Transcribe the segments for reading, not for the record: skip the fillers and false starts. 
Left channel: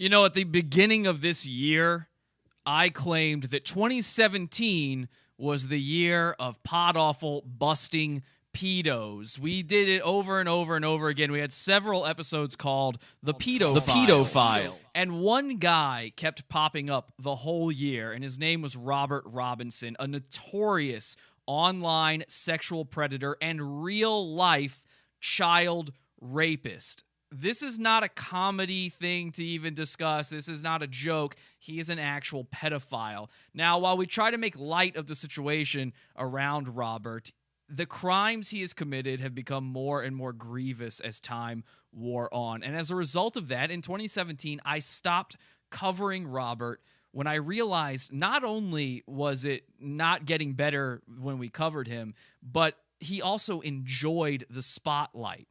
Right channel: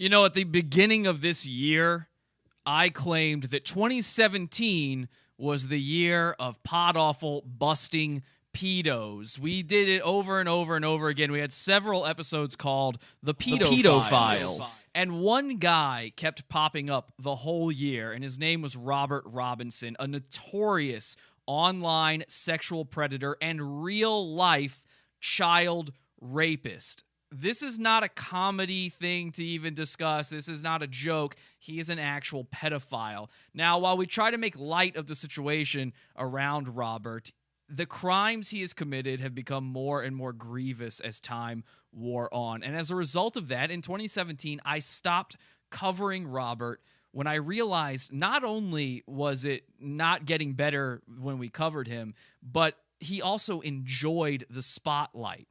You know, at the beginning of this year, I claimed that 2017 was the year of PODAWFUL busting pedos. We did it over and over and over again. We had several episodes called The Pedophile. And one guy kept popping up the whole year, and his name was Robert Robinson, a notorious online sexual predator and real-life child rapist. This is not a comedy thing to even discuss. This is not a joke. He is an actual pedophile. Now, while we try to make light of the situation around Robert, the crimes he has committed have become more and more grievous as time wore on. And as a result of that, in 2017, I stopped covering Robert when I realized not only was it not getting better when we covered him, but he also enjoyed the spotlight.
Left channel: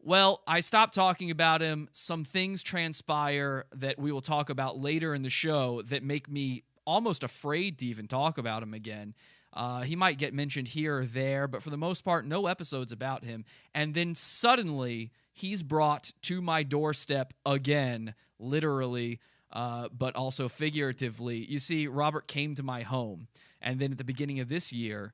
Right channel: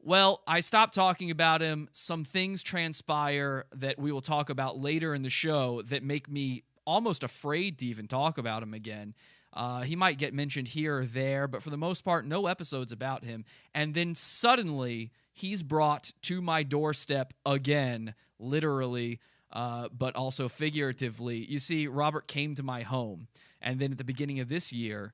Well, I stopped talking about him. Some things transpire that we will talk about later in the show that make me almost afraid to even talk about him again. He might get mentioned here or there, but for the most part, no episodes about him. And then suddenly, he's brought to my doorstep again, literally, but also figuratively. You see, Robert came to my home, and then at the beginning of this year,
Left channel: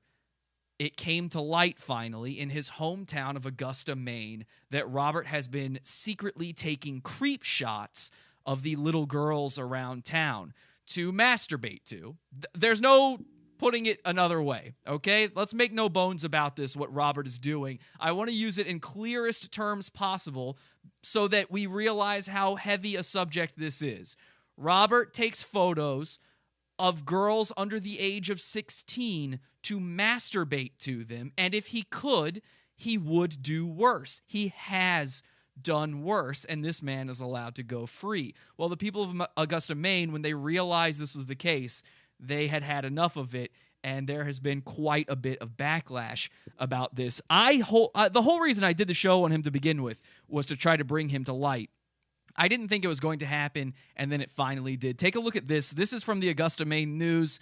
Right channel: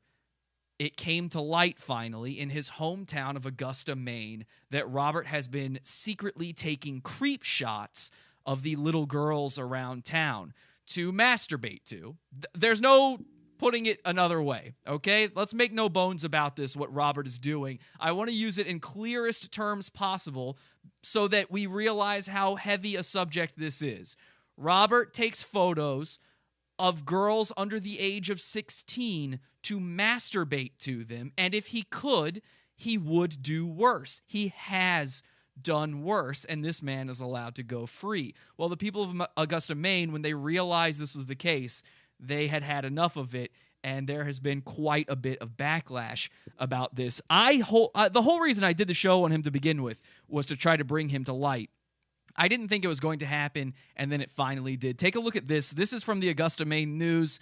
it came to light finally in his hometown of Augusta, Maine, that Robert has been secretly taking creep shots of the little girls around town to masturbate to. There's no putting it another way, okay? Let's make no bones about this, what Robert is doing. I want to use it in clearest terms possible so that we realize how heavy a subject this is. Robert takes photos of girls under the age of 16 to masturbate to them, and if he could, he would do worse. He has done worse, and this man is allowed to go free. Well, the people of Augusta, Maine, when they realized this was the case, they had had enough of it, and there has been quite a bit of backlash about this. The whole reason I did the show on him to begin with was to try to bring him to light. I didn't think it was going to happen, and then it finally did. Take a look at this. This is from the Augusta, Maine News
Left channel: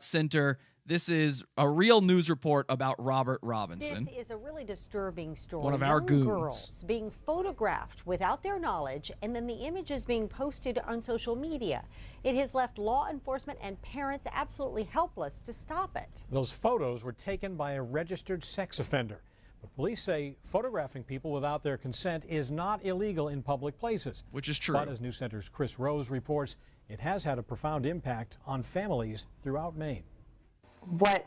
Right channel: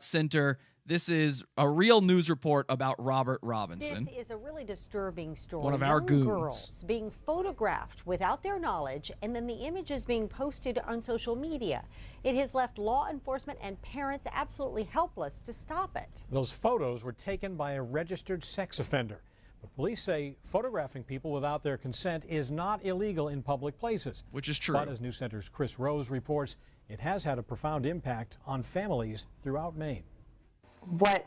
Center. This is a real news report about Robert Robinson. This is a really disturbing story. One of our goons. Girls being photographed without their knowledge, and then the images being posted on social media. It has left law enforcement and parents absolutely helpless to stop it. Those photos were taken by a registered sex offender. But police say photographing people without their consent is not illegal in public places. Which is true. But as News Center's Chris Rose reports, it has had a profound impact on families throughout Maine. What,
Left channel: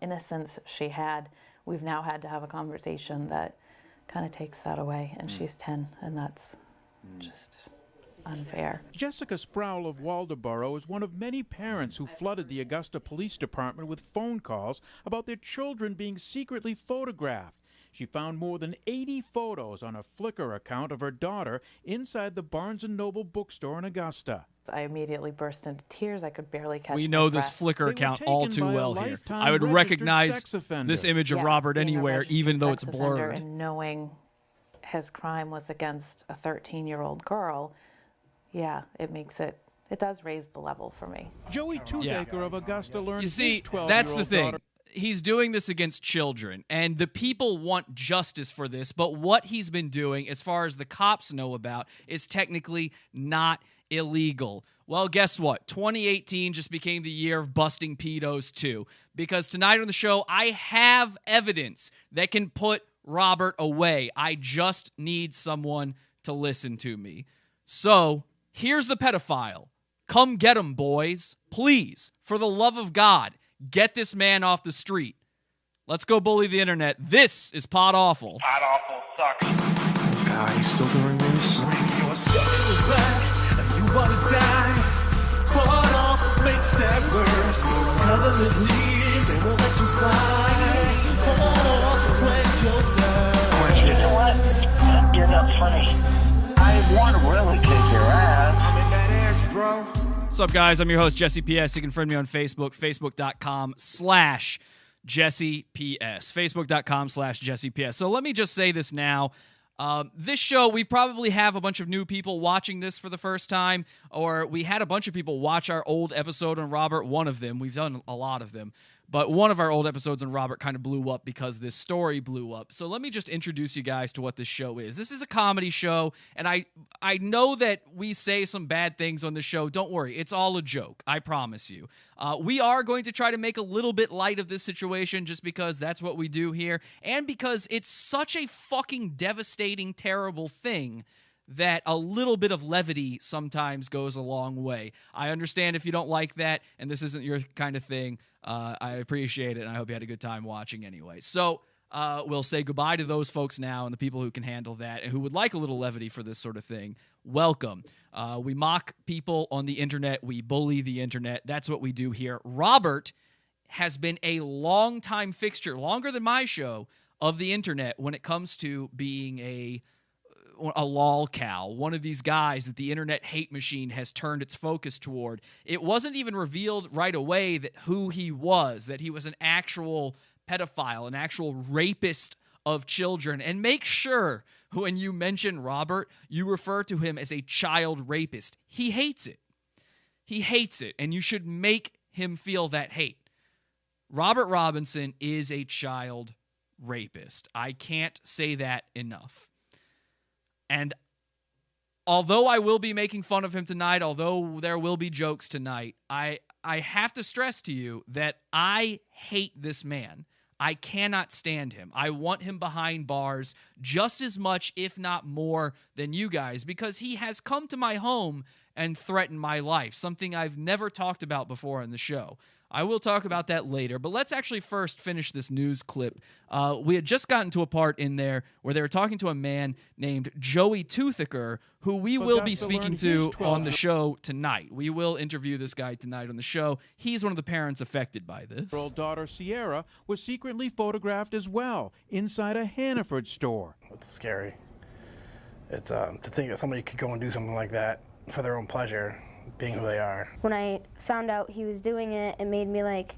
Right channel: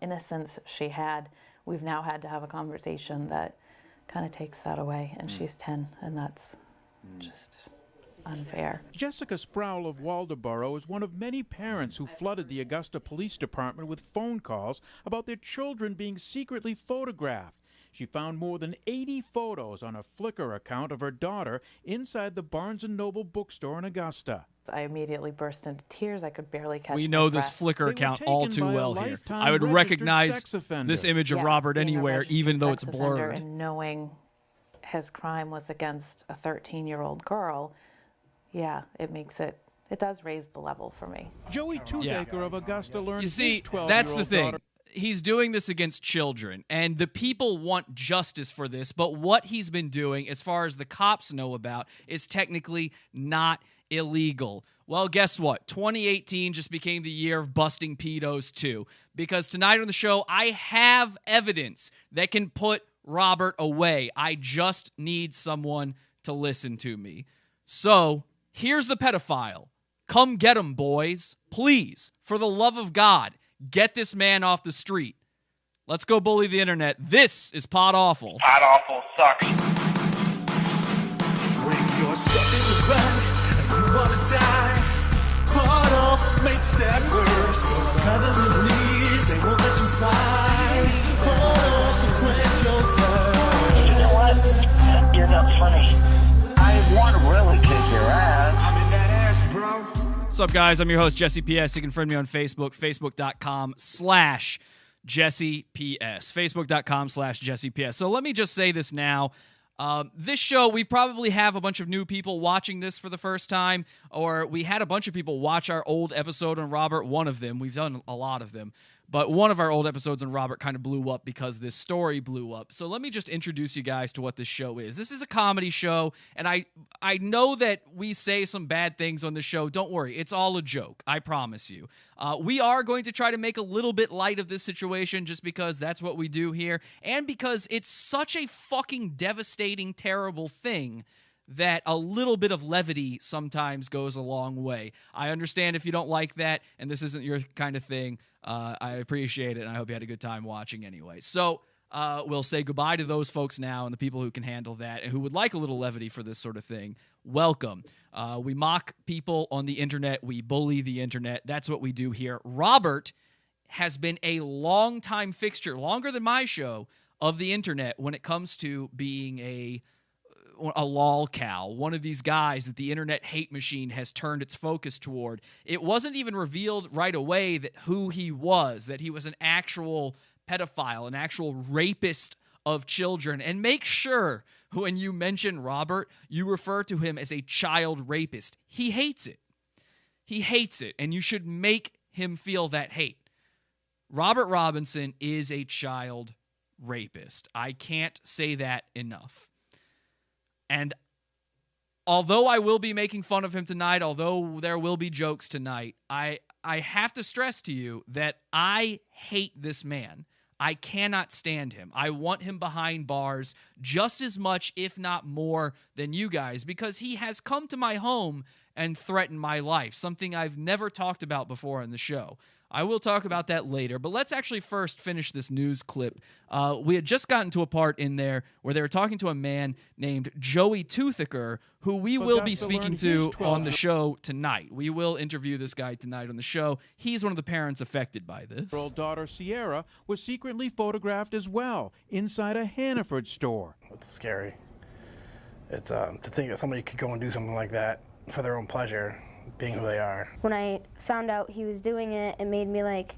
innocence she had, we've now had to have a conversation that kind of takes that away, and she's 10, and that's just unfair. Jessica Sproul of Waldoboro is one of many parents who flooded the Augusta Police Department with phone calls about their children being secretly photographed. She found more than 80 photos on a Flickr account of her daughter inside the Barnes & Noble bookstore in Augusta. I immediately burst into tears. I could barely catch my breath. We know this Flickr account all too well here. I would recognize this image of Robert anywhere, even though it's blurred. And knowing his crime was against a 13-year-old girl, yeah, it does raise the level for me. Joey Toothaker of Augusta learned his 12-year-old that's the thing. daughter. He's doing this against children, and the people want justice for this, but what he's been doing, as far as the cops know about, is technically not illegal. Well, guess what? 2018 just became the year of busting pedos, too, because tonight on the show, I have evidence that can put Robert away. I just need someone to listen to me. So, here's the pedophile. Come get him, boys. Please, for the love of God. Get this man off the street. Let's go bully the internet. This is PODAWFUL. PODAWFUL sucks. God, he's still doing this? When you're so bad and you wanna die, PODAWFUL makes that worse. Government leaves, they won't let you fly. PODAWFUL quench your thirst. You know what? You're not funny. I want to really kick your ass. I'm in that ass, bro. What's up, guys? I'm your host, Jesse PS. You can friend me on Facebook, facebook.com/Jesse PS. Facebook.com/Jesse PS. So let me just say this now. This show, we probably have a bunch of new people watching this for the first time, or we had a bunch of people watch our old episode on Robert, one of them. We've done a lot of them. But one of our old episodes on Robert kind of blew up because this story blew up. So let me just introduce you guys to what this show is. This is a comedy show, and I know that we say some bad things on the show. Don't worry. It's all a joke. I promise you. We are going to try to make a little bit light of this situation just because that's what we do here, and because it's such a fucking devastating, terrible thing that a little bit of levity sometimes goes a long way. I understand if you don't like that and this isn't your kind of thing. I appreciate it, and I hope you had a good time watching anyway. So we'll say goodbye to those folks now and the people who can handle that and who would like a little levity for this sort of thing. Welcome. We mock people on the internet. We bully the internet. That's what we do here. Robert has been a long-time fixture, longer than my show, of the internet when it comes to being a lolcow, one of these guys that the internet hate machine has turned its focus toward. It wasn't even revealed right away that who he was, that he was an actual pedophile, an actual rapist of children. And make sure when you mention Robert, you refer to him as a child rapist. He hates it. He hates it, and you should make him feel that hate. Robert Robinson is a child rapist. I can't say that enough. And although I will be making fun of him tonight, although there will be jokes tonight, I have to stress to you that I hate this man. I cannot stand him. I want him behind bars just as much, if not more, than you guys, because he has come to my home and threatened my life, something I've never talked about before on the show. I will talk about that later, but let's actually first finish this news clip. We had just gotten to a part in there where they were talking to a man named Joey Toothaker, who we will be speaking to on the show tonight. We will interview this guy tonight on the show. He's one of the parents affected by this. Her daughter Sierra was secretly photographed as well inside a Hannaford store. It's scary. It's to think that somebody could go and do something like that for their own pleasure, being who they are. When I found out he was doing it, it made me like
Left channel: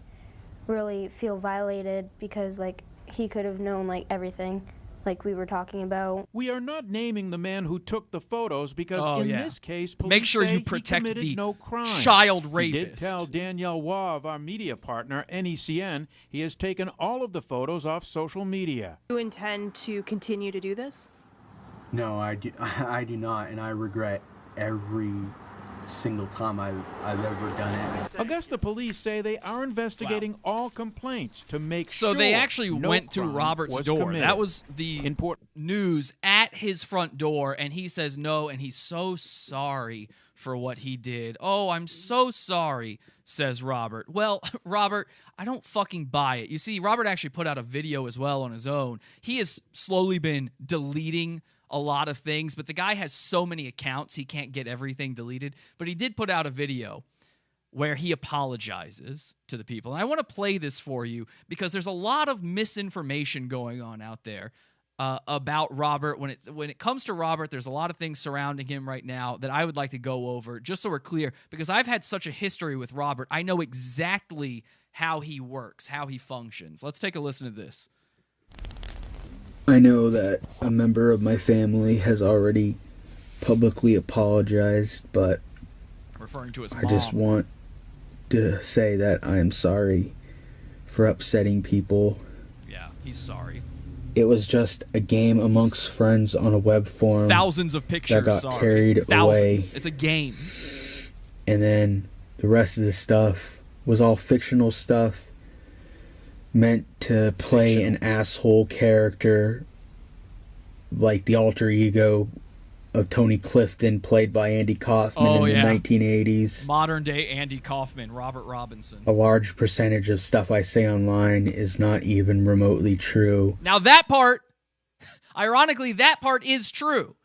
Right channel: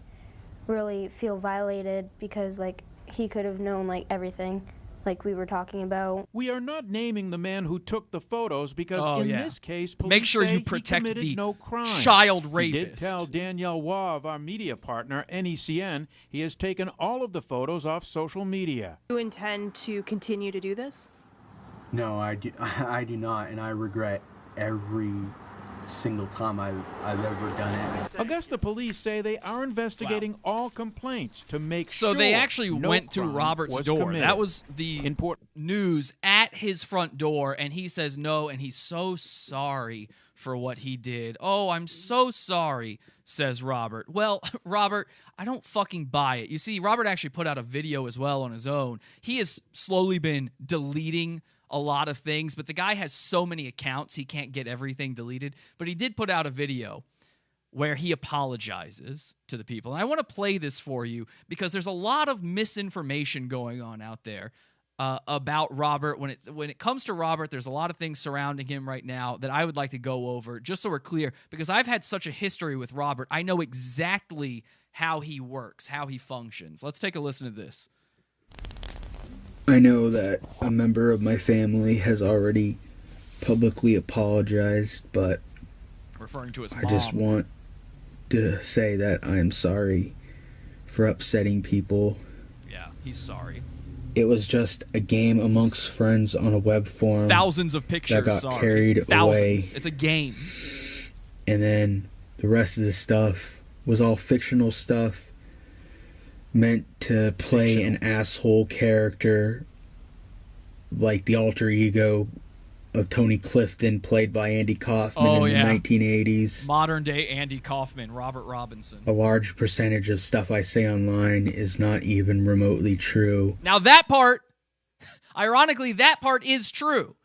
really feel violated because like he could have known like everything like we were talking about. We are not naming the man who took the photos because in this case, police make sure say you protect he committed the no crime. Child rapist. He did tell Danielle Waugh of our media partner, NECN, he has taken all of the photos off social media. Do you intend to continue to do this? No, I do not, and I regret every single time I've ever done it. Augusta police say they are investigating all complaints to make sure. So they actually no went to crime Robert's was door. committed. That was the news at his front door, and he says no, and he's so sorry for what he did. Oh, I'm so sorry, says Robert. Well, Robert, I don't fucking buy it. You see, Robert actually put out a video as well on his own. He has slowly been deleting a lot of things, but the guy has so many accounts he can't get everything deleted. But he did put out a video where he apologizes to the people. And I want to play this for you because there's a lot of misinformation going on out there about Robert. When it comes to Robert, there's a lot of things surrounding him right now that I would like to go over just so we're clear, because I've had such a history with Robert. I know exactly how he works, how he functions. Let's take a listen to this. I know that a member of my family has already publicly apologized, but referring to his mom. I just want to say that I am sorry for upsetting people. Yeah, he's sorry. It was just a game amongst friends on a web forum. Thousands of pictures, that got carried away. It's a game. And then the rest of the stuff was all fictional stuff, meant to play an asshole character, like the alter ego of Tony Clifton, played by Andy Kaufman in the 1980s. Modern day Andy Kaufman, Robert Robinson. A large percentage of stuff I say online is not even remotely true. Now that part, ironically, that part is true.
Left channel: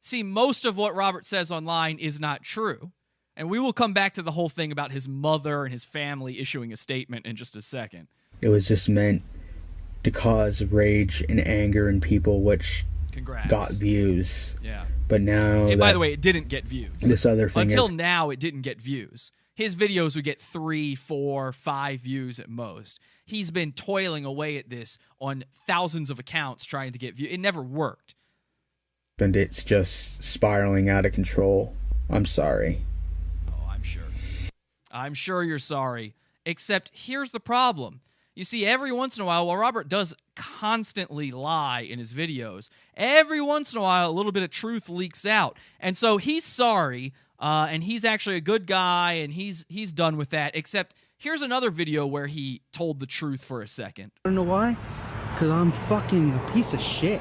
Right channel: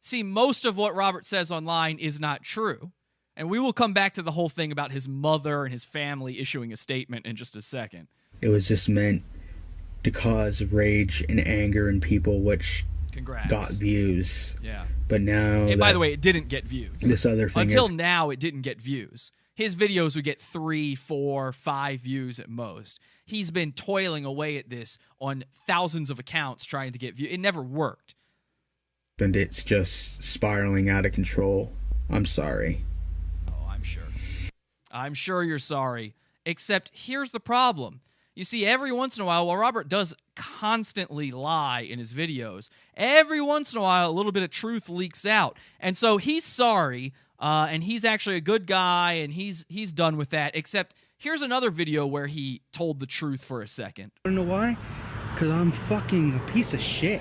See, most of what Robert says online is not true. And we will come back to the whole thing about his mother and his family issuing a statement in just a second. It was just meant to cause rage and anger in people, which got views. Yeah. But now... And by the way, it didn't get views. This other thing Until now, it didn't get views. His videos would get 3, 4, 5 views at most. He's been toiling away at this on thousands of accounts trying to get views. It never worked. And it's just spiraling out of control. I'm sorry. Oh, I'm sure. I'm sure you're sorry. Except here's the problem. You see, every once in a while Robert does constantly lie in his videos, every once in a while a little bit of truth leaks out. And so he's sorry, and he's actually a good guy, and he's done with that, except here's another video where he told the truth for a second. I don't know why, because I'm fucking a piece of shit.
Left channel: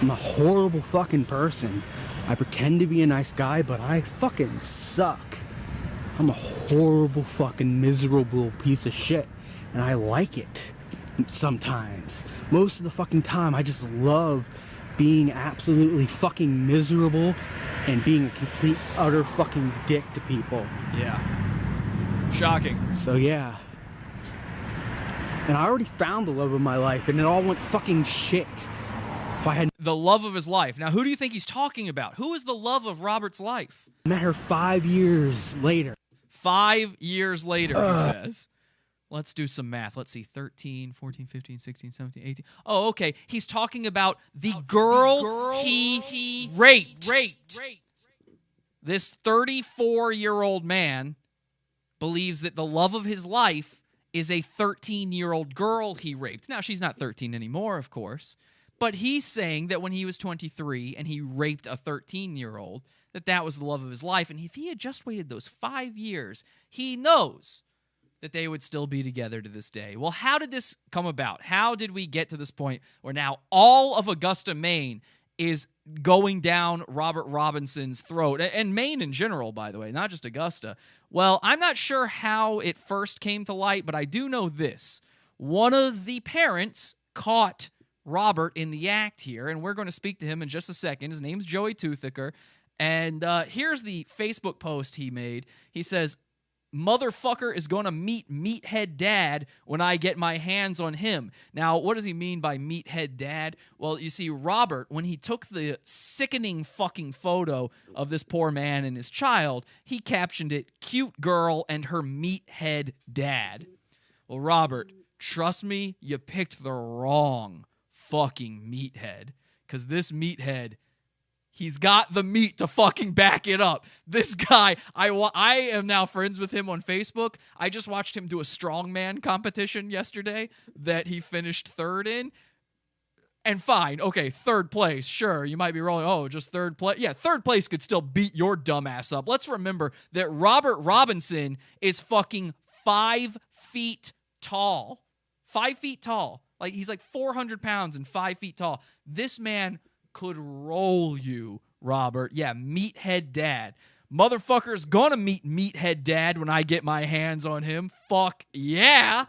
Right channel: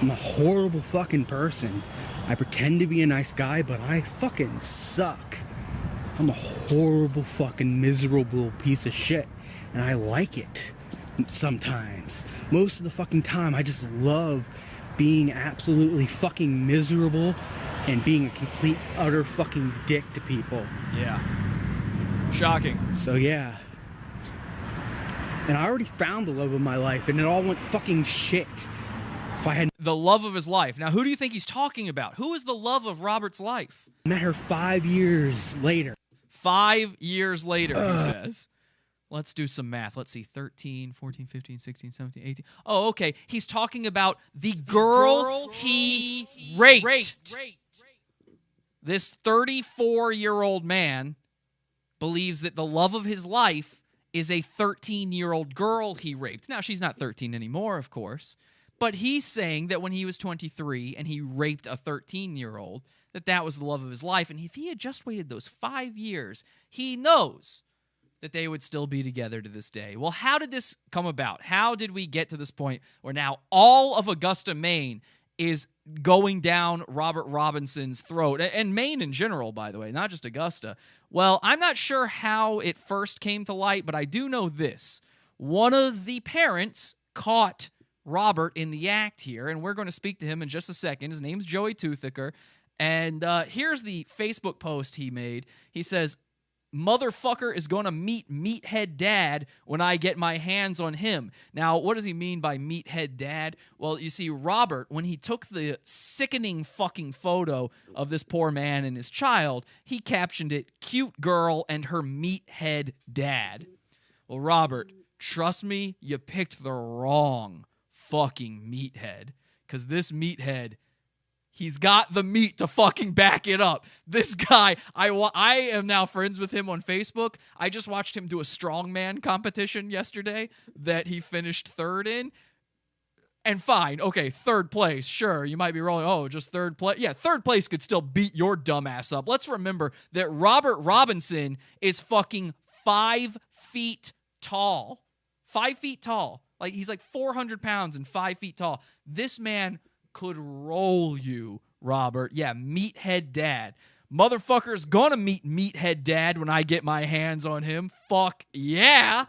I'm a horrible fucking person. I pretend to be a nice guy, but I fucking suck. I'm a horrible fucking miserable piece of shit, and I like it sometimes. Most of the fucking time, I just love being absolutely fucking miserable and being a complete utter fucking dick to people. Yeah. Shocking. So yeah. And I already found the love of my life, and it all went fucking shit. If I had the love of his life. Now, who do you think he's talking about? Who is the love of Robert's life? Met her 5 years later. 5 years later, he says. Let's do some math. Let's see. 13, 14, 15, 16, 17, 18. Oh, okay. He's talking about the girl he raped. This 34-year-old man believes that the love of his life is a 13-year-old girl he raped. Now, she's not 13 anymore, of course. But he's saying that when he was 23 and he raped a 13-year-old, that was the love of his life. And if he had just waited those 5 years, he knows that they would still be together to this day. Well, how did this come about? How did we get to this point where now all of Augusta, Maine is going down Robert Robinson's throat? And Maine in general, by the way, not just Augusta. Well, I'm not sure how it first came to light, but I do know this. One of the parents caught Robert in the act here, and we're going to speak to him in just a second. His name's Joey Toothaker, and here's the Facebook post he made. He says, "Motherfucker is going to meet Meathead Dad when I get my hands on him." Now, what does he mean by Meathead Dad? Well, you see, Robert, when he took the sickening fucking photo of this poor man and his child, he captioned it, "Cute girl and her meathead dad." Well, Robert, trust me, you picked the wrong fucking meathead, because this meathead, he's got the meat to fucking back it up. This guy, I am now friends with him on Facebook. I just watched him do a strongman competition yesterday that he finished third in. And fine, okay, third place, sure, you might be rolling, oh, just third place. Yeah, third place could still beat your dumb ass up. Let's remember that Robert Robinson is fucking 5 feet tall. 5 feet tall. Like, he's like 400 pounds and 5 feet tall. This man could roll you, Robert. Yeah, Meathead Dad. Motherfucker's gonna meet Meathead Dad when I get my hands on him. Fuck yeah.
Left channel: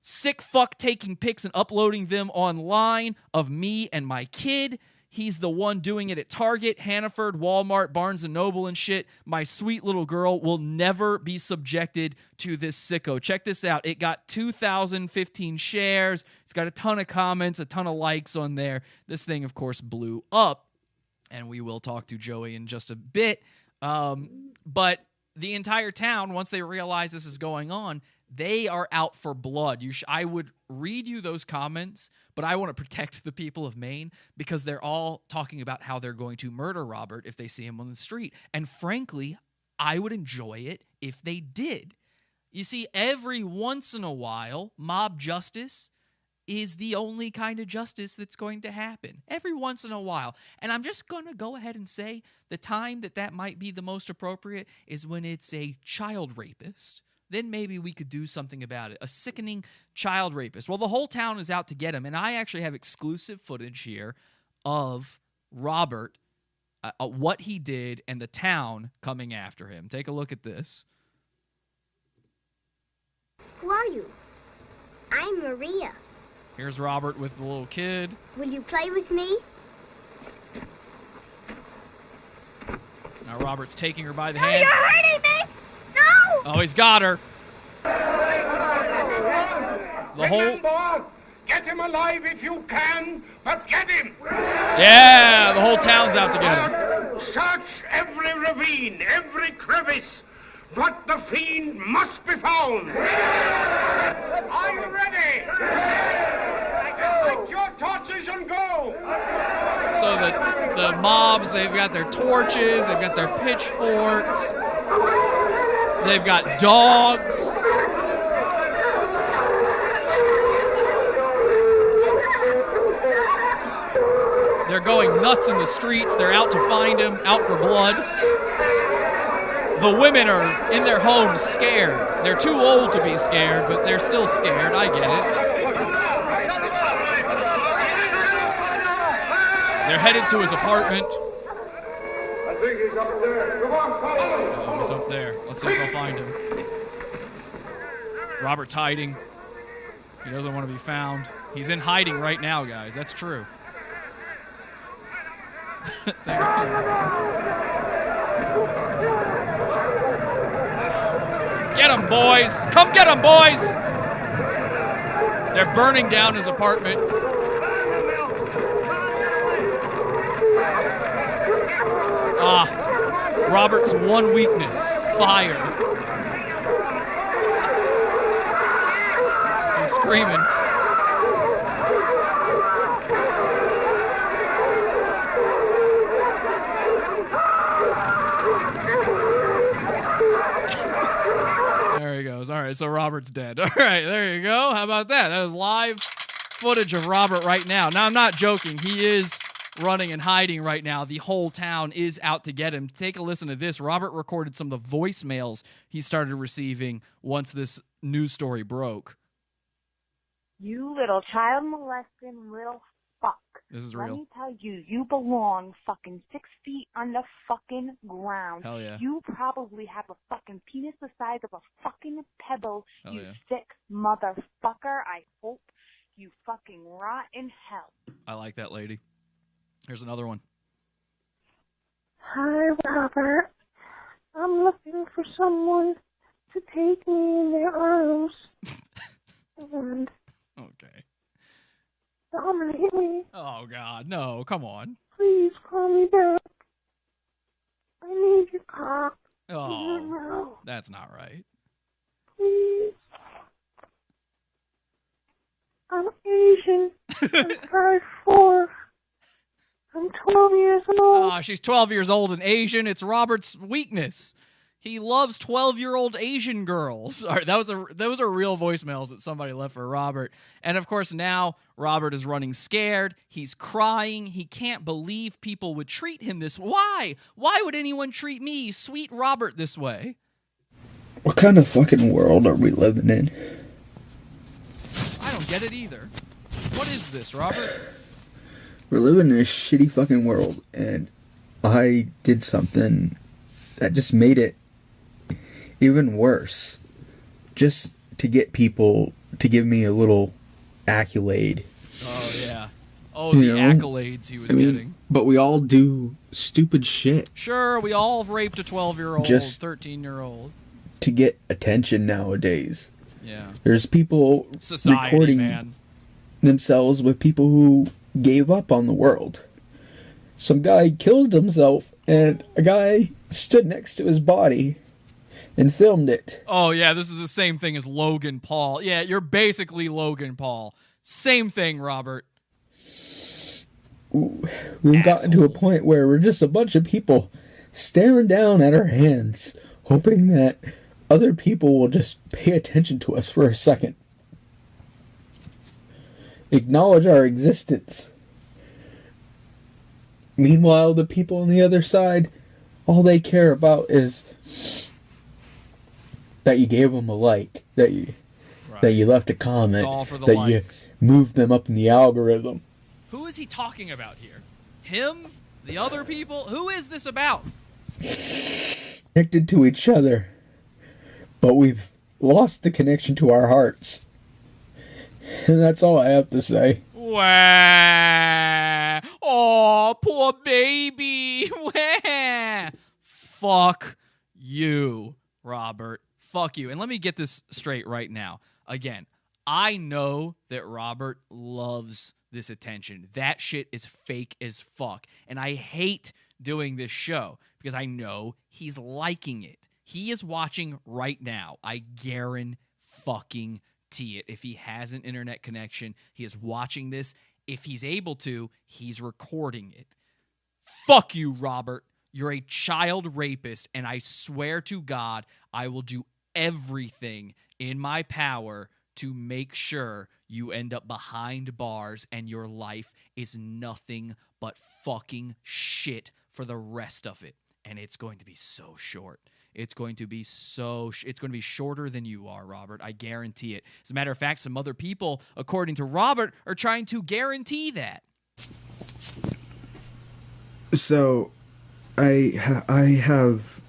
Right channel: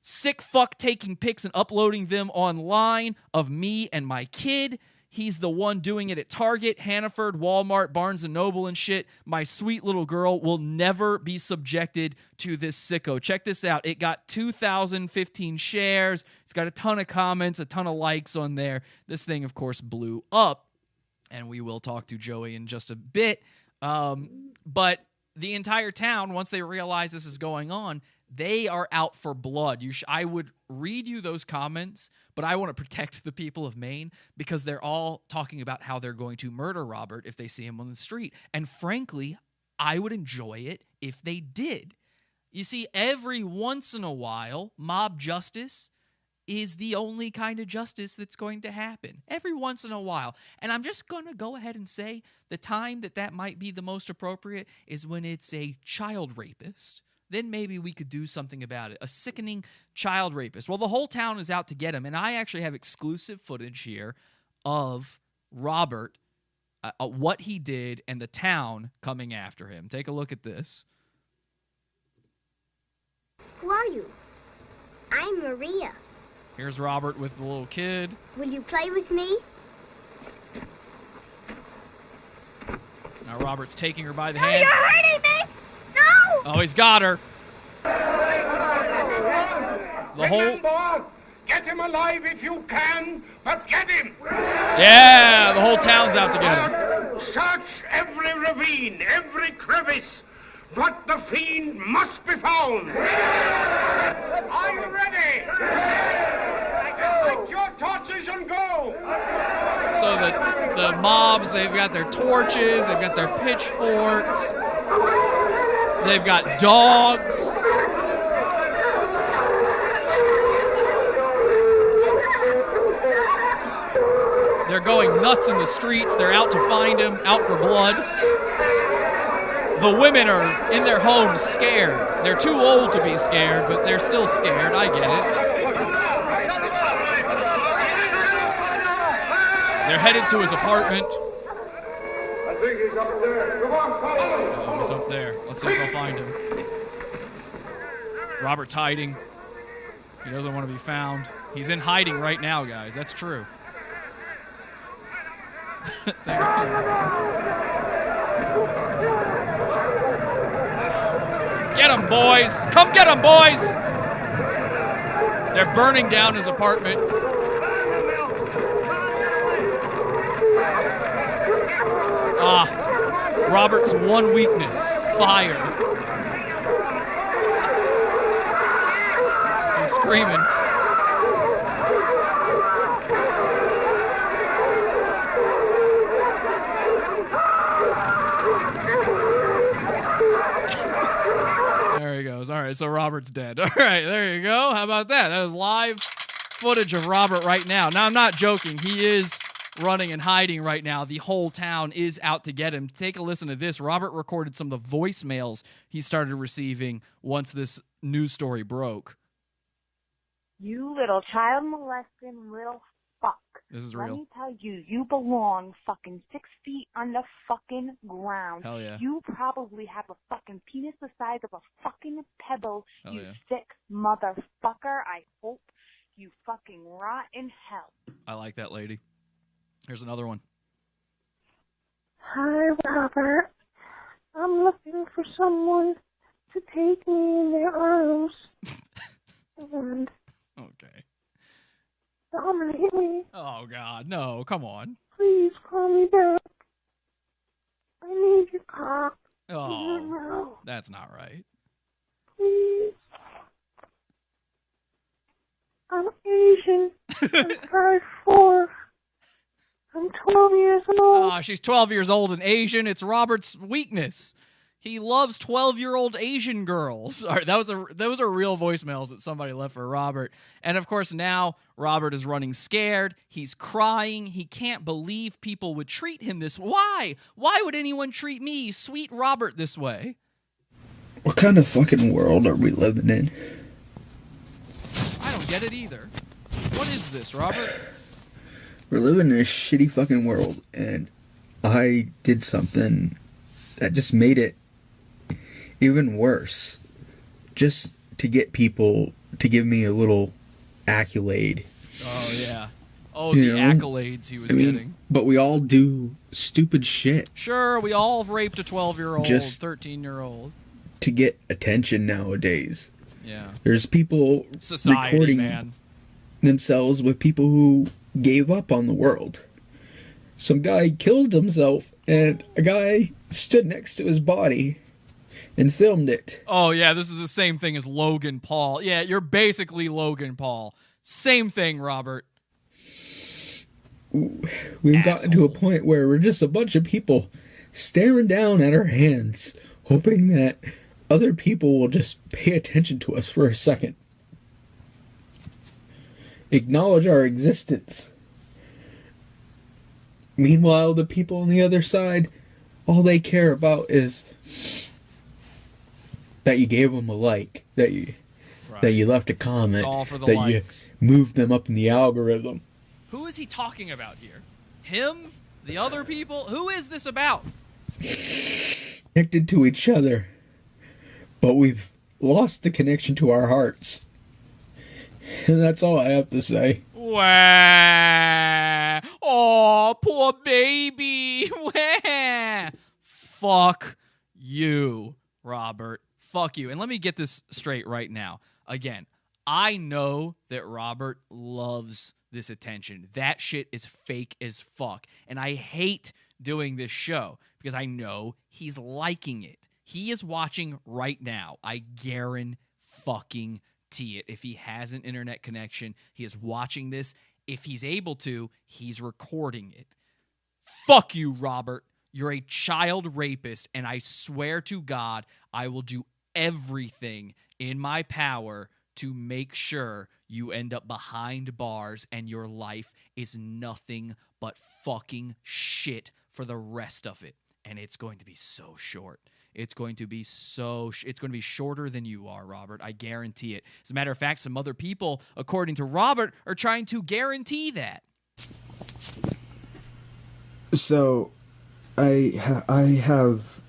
Sick fuck taking pics and uploading them online of me and my kid. He's the one doing it at Target, Hannaford, Walmart, Barnes & Noble and shit. My sweet little girl will never be subjected to this sicko. Check this out. It got 2,015 shares. It's got a ton of comments, a ton of likes on there. This thing, of course, blew up. And we will talk to Joey in just a bit. But the entire town, once they realize this is going on, they are out for blood. I would read you those comments, but I want to protect the people of Maine because they're all talking about how they're going to murder Robert if they see him on the street. And frankly, I would enjoy it if they did. You see, every once in a while, mob justice is the only kind of justice that's going to happen. Every once in a while. And I'm just going to go ahead and say the time that might be the most appropriate is when it's a child rapist. Then maybe we could do something about it. A sickening child rapist. Well, the whole town is out to get him, and I actually have exclusive footage here of Robert, what he did, and the town coming after him. Take a look at this. Who are you? I'm Maria. Here's Robert with the little kid. Will you play with me? Now Robert's taking her by the hand. You're hurting me! No! Oh, he's got her. Remember, get him alive if you can, but get him! Yeah, the whole town's out to get him. Search every ravine, every crevice, but the fiend must be found. Are you ready? Take your torches and go. So the mobs, they've got their torches, they've got their pitchforks, they've got dogs. They're going nuts in the streets. They're out to find him, out for blood. The women are in their homes scared. They're too old to be scared, but they're still scared. I get it. They're headed to his apartment. I think he's up there. Come on, follow. Oh, he's up there. Let's see if they'll find him. Robert's hiding. He doesn't want to be found. He's in hiding right now, guys. That's true. There he is. Get him, boys! Come get him, boys! They're burning down his apartment. Robert's one weakness, fire. He's screaming. There he goes. All right, so Robert's dead. All right, there you go. How about that? That was live footage of Robert right now. Now, I'm not joking. He is running and hiding right now. The whole town is out to get him. Take a listen to this. Robert recorded some of the voicemails he started receiving once this news story broke. You little child molesting little fuck. This is real. Let me tell you, you belong fucking 6 feet on the fucking ground. Hell yeah. You probably have a fucking penis the size of a fucking pebble, Hell you yeah. sick motherfucker. I hope you fucking rot in hell. I like that lady. Here's another one. Hi, Robert. I'm looking for someone to take me in their arms and Okay. dominate me. Oh, God. No, come on. Please call me back. I need your cock. Oh, that's not right. Please. I'm Asian. I'm 5'4". I'm 12 years old. She's 12 years old and Asian. It's Robert's weakness. He loves 12-year-old Asian girls. All right, those are real voicemails that somebody left for Robert. And, of course, now Robert is running scared. He's crying. He can't believe people would treat him this way. Why? Why would anyone treat me, sweet Robert, this way? What kind of fucking world are we living in? I don't get it either. What is this, Robert? We're living in a shitty fucking world, and I did something that just made it even worse. Just to get people to give me a little accolade. Oh, yeah. Oh, the accolades he was getting. But we all do stupid shit. Sure, we all raped a 12-year-old, Just 13-year-old. to get attention nowadays. Yeah. There's people Society, recording man. themselves with people who gave up on the world. Some guy killed himself, and a guy stood next to his body and filmed it. Oh, yeah, this is the same thing as Logan Paul. Yeah, you're basically Logan Paul. Same thing, Robert. We've gotten to a point where we're just a bunch of people staring down at our hands, hoping that other people will just pay attention to us for a second. Acknowledge our existence. Meanwhile, the people on the other side, all they care about is that you gave them a like, that you left a comment, It's all for the that likes. you moved them up in the algorithm. Who is he talking about here? Him? The other people? Who is this about? Connected to each other, but we've lost the connection to our hearts. And that's all I have to say. Wah. Oh, poor baby. Wah. Fuck you, Robert. Fuck you. And let me get this straight right now. Again, I know that Robert loves this attention. That shit is fake as fuck. And I hate doing this show because I know he's liking it. He is watching right now. I guarantee it. If he has an internet connection, he is watching this. If he's able to, he's recording it. Fuck you, Robert. You're a child rapist, and I swear to God, I will do everything in my power to make sure you end up behind bars and your life is nothing but fucking shit for the rest of it. And it's going to be so short. It's going to be it's going to be shorter than you are, Robert. I guarantee it. As a matter of fact, some other people, according to Robert, are trying to guarantee that. So, I have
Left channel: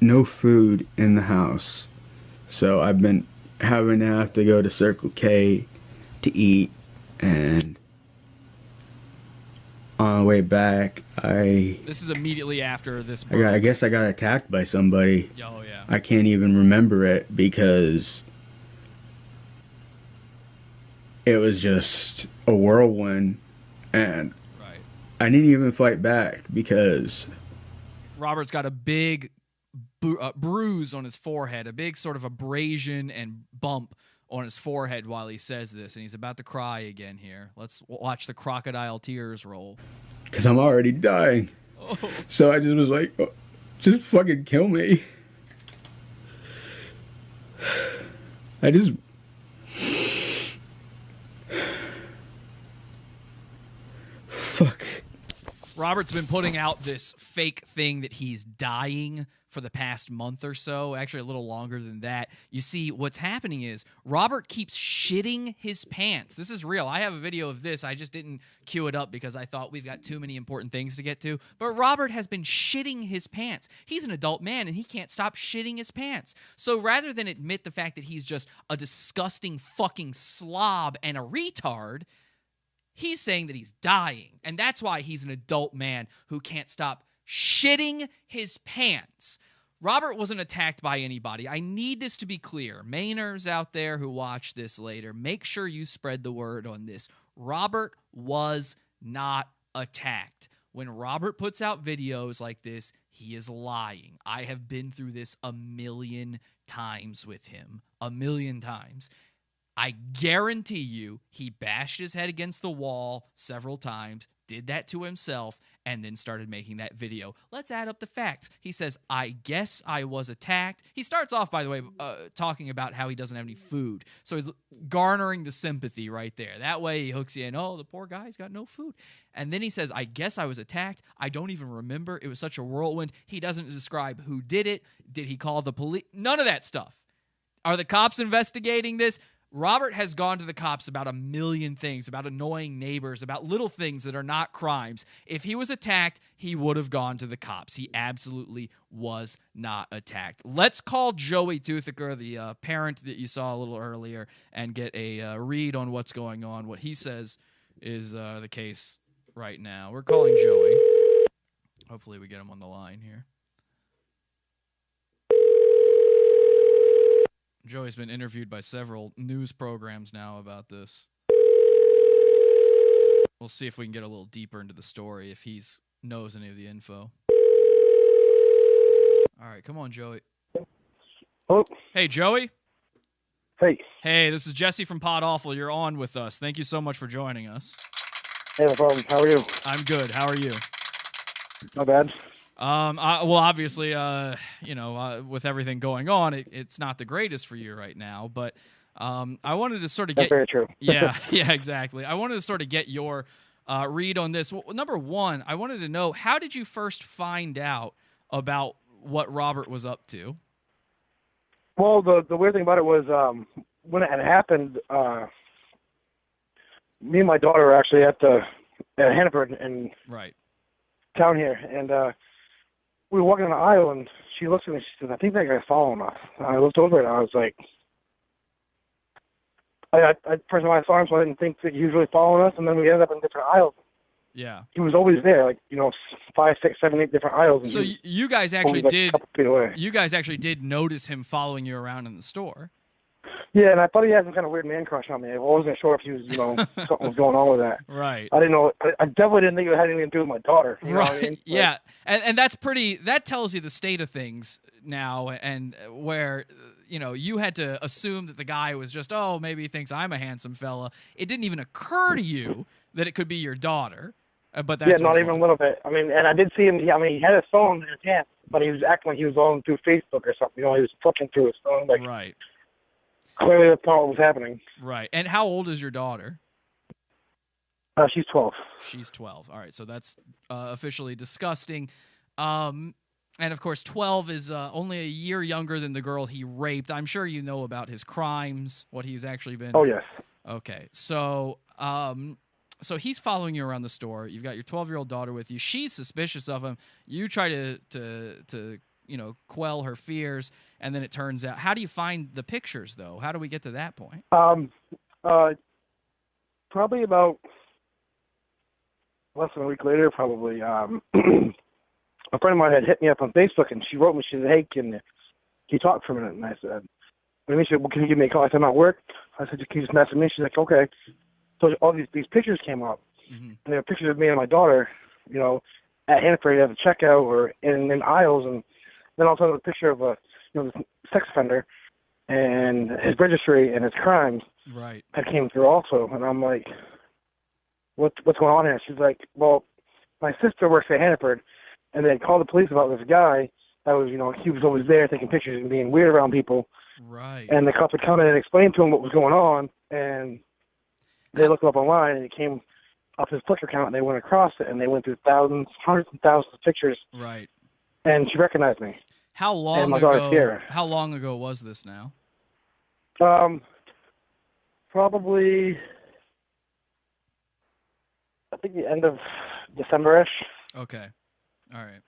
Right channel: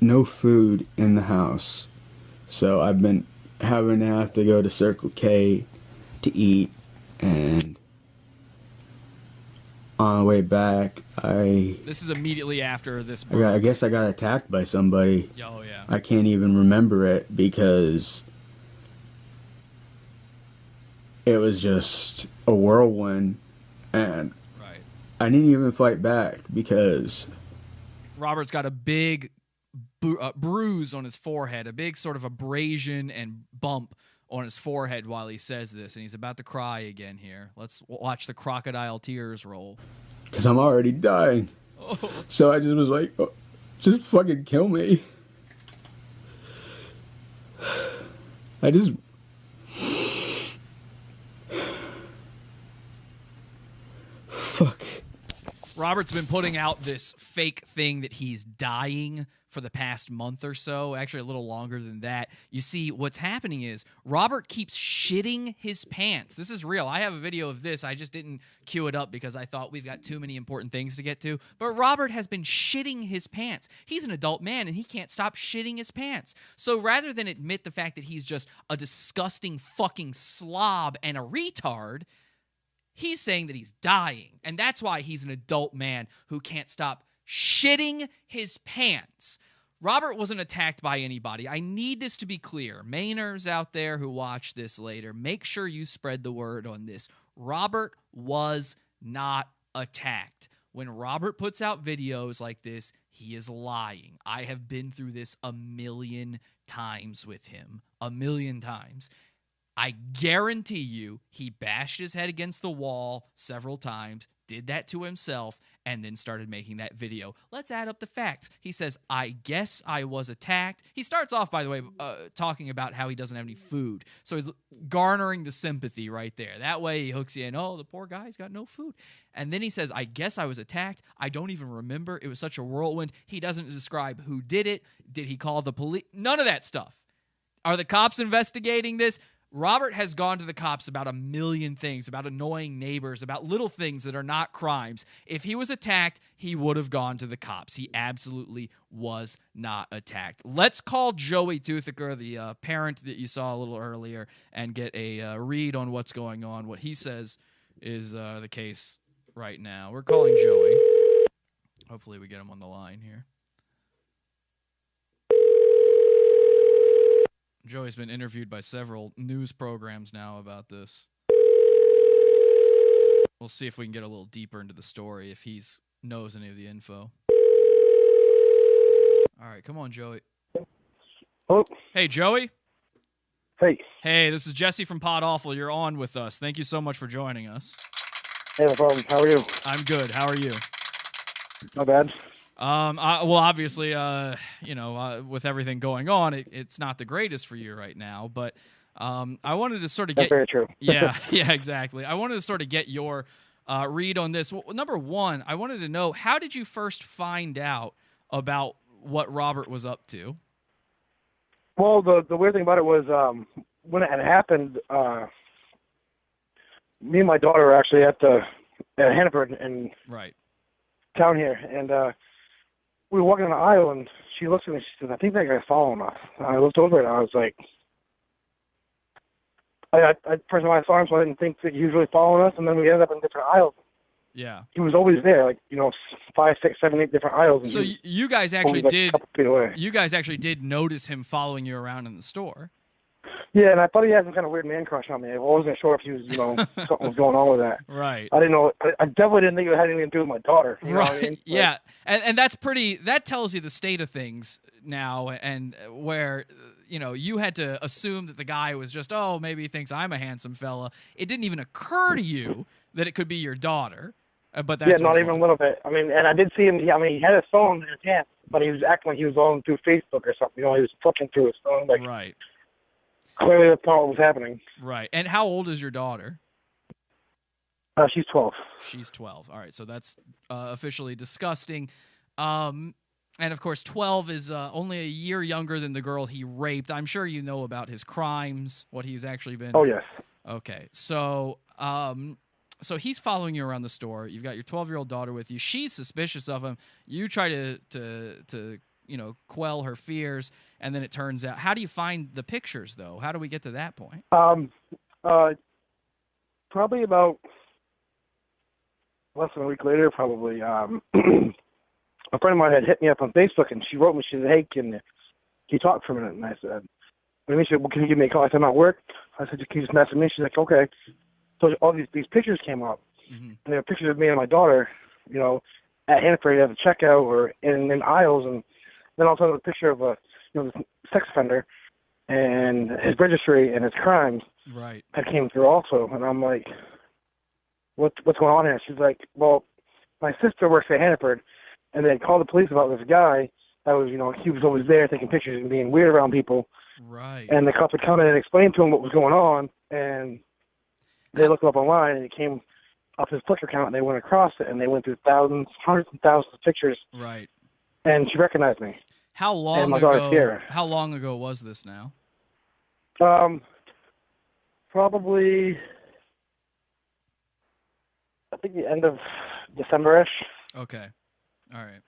no food in the house. So I've been having to have to go to Circle K to eat, and on the way back, This is immediately after this. I guess I got attacked by somebody. Oh, yeah. I can't even remember it because it was just a whirlwind, and I didn't even fight back because Robert's got a big bruise on his forehead, a big sort of abrasion and bump on his forehead while he says this, and he's about to cry again here. Let's watch the crocodile tears roll. because I'm already dying. Oh. So I just was like, oh, just fucking kill me. I just... Fuck. Robert's been putting out this fake thing that he's dying for the past month or so, actually a little longer than that. You see, what's happening is Robert keeps shitting his pants. This is real. I have a video of this. I just didn't cue it up because I thought we've got too many important things to get to. But Robert has been shitting his pants. He's an adult man, and he can't stop shitting his pants. So rather than admit the fact that he's just a disgusting fucking slob and a retard, he's saying that he's dying. And that's why he's an adult man who can't stop shitting his pants. Robert wasn't attacked by anybody. I need this to be clear. Mainers out there who watch this later, make sure you spread the word on this. Robert was not attacked. When Robert puts out videos like this, he is lying. I have been through this a million times with him. A million times. I guarantee you he bashed his head against the wall several times, did that to himself, and then started making that video. Let's add up the facts. He says, I guess I was attacked. He starts off, by the way, talking about how he doesn't have any food. So he's garnering the sympathy right there. That way he hooks you in, oh, the poor guy's got no food. And then he says, I guess I was attacked. I don't even remember. It was such a whirlwind. He doesn't describe who did it. Did he call the police? None of that stuff. Are the cops investigating this? Robert has gone to the cops about a million things, about annoying neighbors, about little things that are not crimes. If he was attacked, he would have gone to the cops. He absolutely was not attacked. Let's call Joey Toothaker, the parent that you saw a little earlier, and get a read on what's going on, what he says is the case right now. We're calling Joey. Hopefully we get him on the line here. Joey's been interviewed by several news programs now about this. We'll see if we can get a little deeper into the story, if he knows any of the info. All right, come on, Joey. Hello? Hey, Joey? Hey. Hey, this is Jesse from PODAWFUL. You're on with us. Thank you so much for joining us. Hey, no problem. How are you? I'm good. How are you? Not bad. Well, obviously, with everything going on, it's not the greatest for you right now. But I wanted to sort of get. That's very true. Yeah, exactly. I wanted to sort of get your read on this. Well, number one, I wanted to know, how did you first find out about what Robert was up to? Well, the weird thing about it was when it had happened, me and my daughter were actually at Hannaford in town here, and we were walking on the aisle, and she looks at me and she says, I think that guy's following us. And I looked over and I was like, first of all, I saw him, so I didn't think that he was really following us, and then we ended up in different aisles. Yeah. He was always there, 5, 6, 7, 8 different aisles. And so you guys actually did. a couple feet away. You guys actually did notice him following you around in the store. Yeah, and I thought he had some kind of weird man crush on me. I wasn't sure if he was, something was going on with that. Right. I didn't know. I definitely didn't think it had anything to do with my daughter. You know what I mean? Yeah, and that tells you the state of things now, and where, you had to assume that the guy was just, oh, maybe he thinks I'm a handsome fella. It didn't even occur to you that it could be your daughter. But that's not even a little bit. I mean, and I did see him. He had his phone in his hand, but he was acting like he was going through Facebook or something. He was flipping through his phone. Right. clearly that's not what was happening. Right. And how old is your daughter? She's 12. She's 12. All right, so that's officially disgusting. And, of course, 12 is only a year younger than the girl he raped. I'm sure you know about his crimes, what he's actually been... Oh, yes. Okay, so so he's following you around the store. You've got your 12-year-old daughter with you. She's suspicious of him. You try to quell her fears, and then it turns out... How do you find the pictures, though? How do we get to that point? Probably about less than a week later, probably... a friend of mine had hit me up on Facebook, and she wrote me. She said, "Hey, can you talk for a minute?" And I said, "She said, well, can you give me a call?" I said, "I'm at work." I said, "Can you just message me?" She's like, "Okay." So all these pictures came up, and they were pictures of me and my daughter, at Hannaford at the checkout or in aisles, and then all of a sudden a picture of a this sex offender and his registry and his crimes. Right. That came through also, and I'm like, "What's going on here?" She's like, "Well, my sister works at Hannaford. And they called the police about this guy that was, he was always there taking pictures and being weird around people. Right. And the cops would come in and explain to him what was going on, and they looked it up online, and it came up his Flickr account, and they went across it, and they went through thousands, hundreds and thousands of pictures. Right. And she recognized me. How long and my daughter's ago? here. How long ago was this now? Probably, I think the end of December-ish. Okay. All right.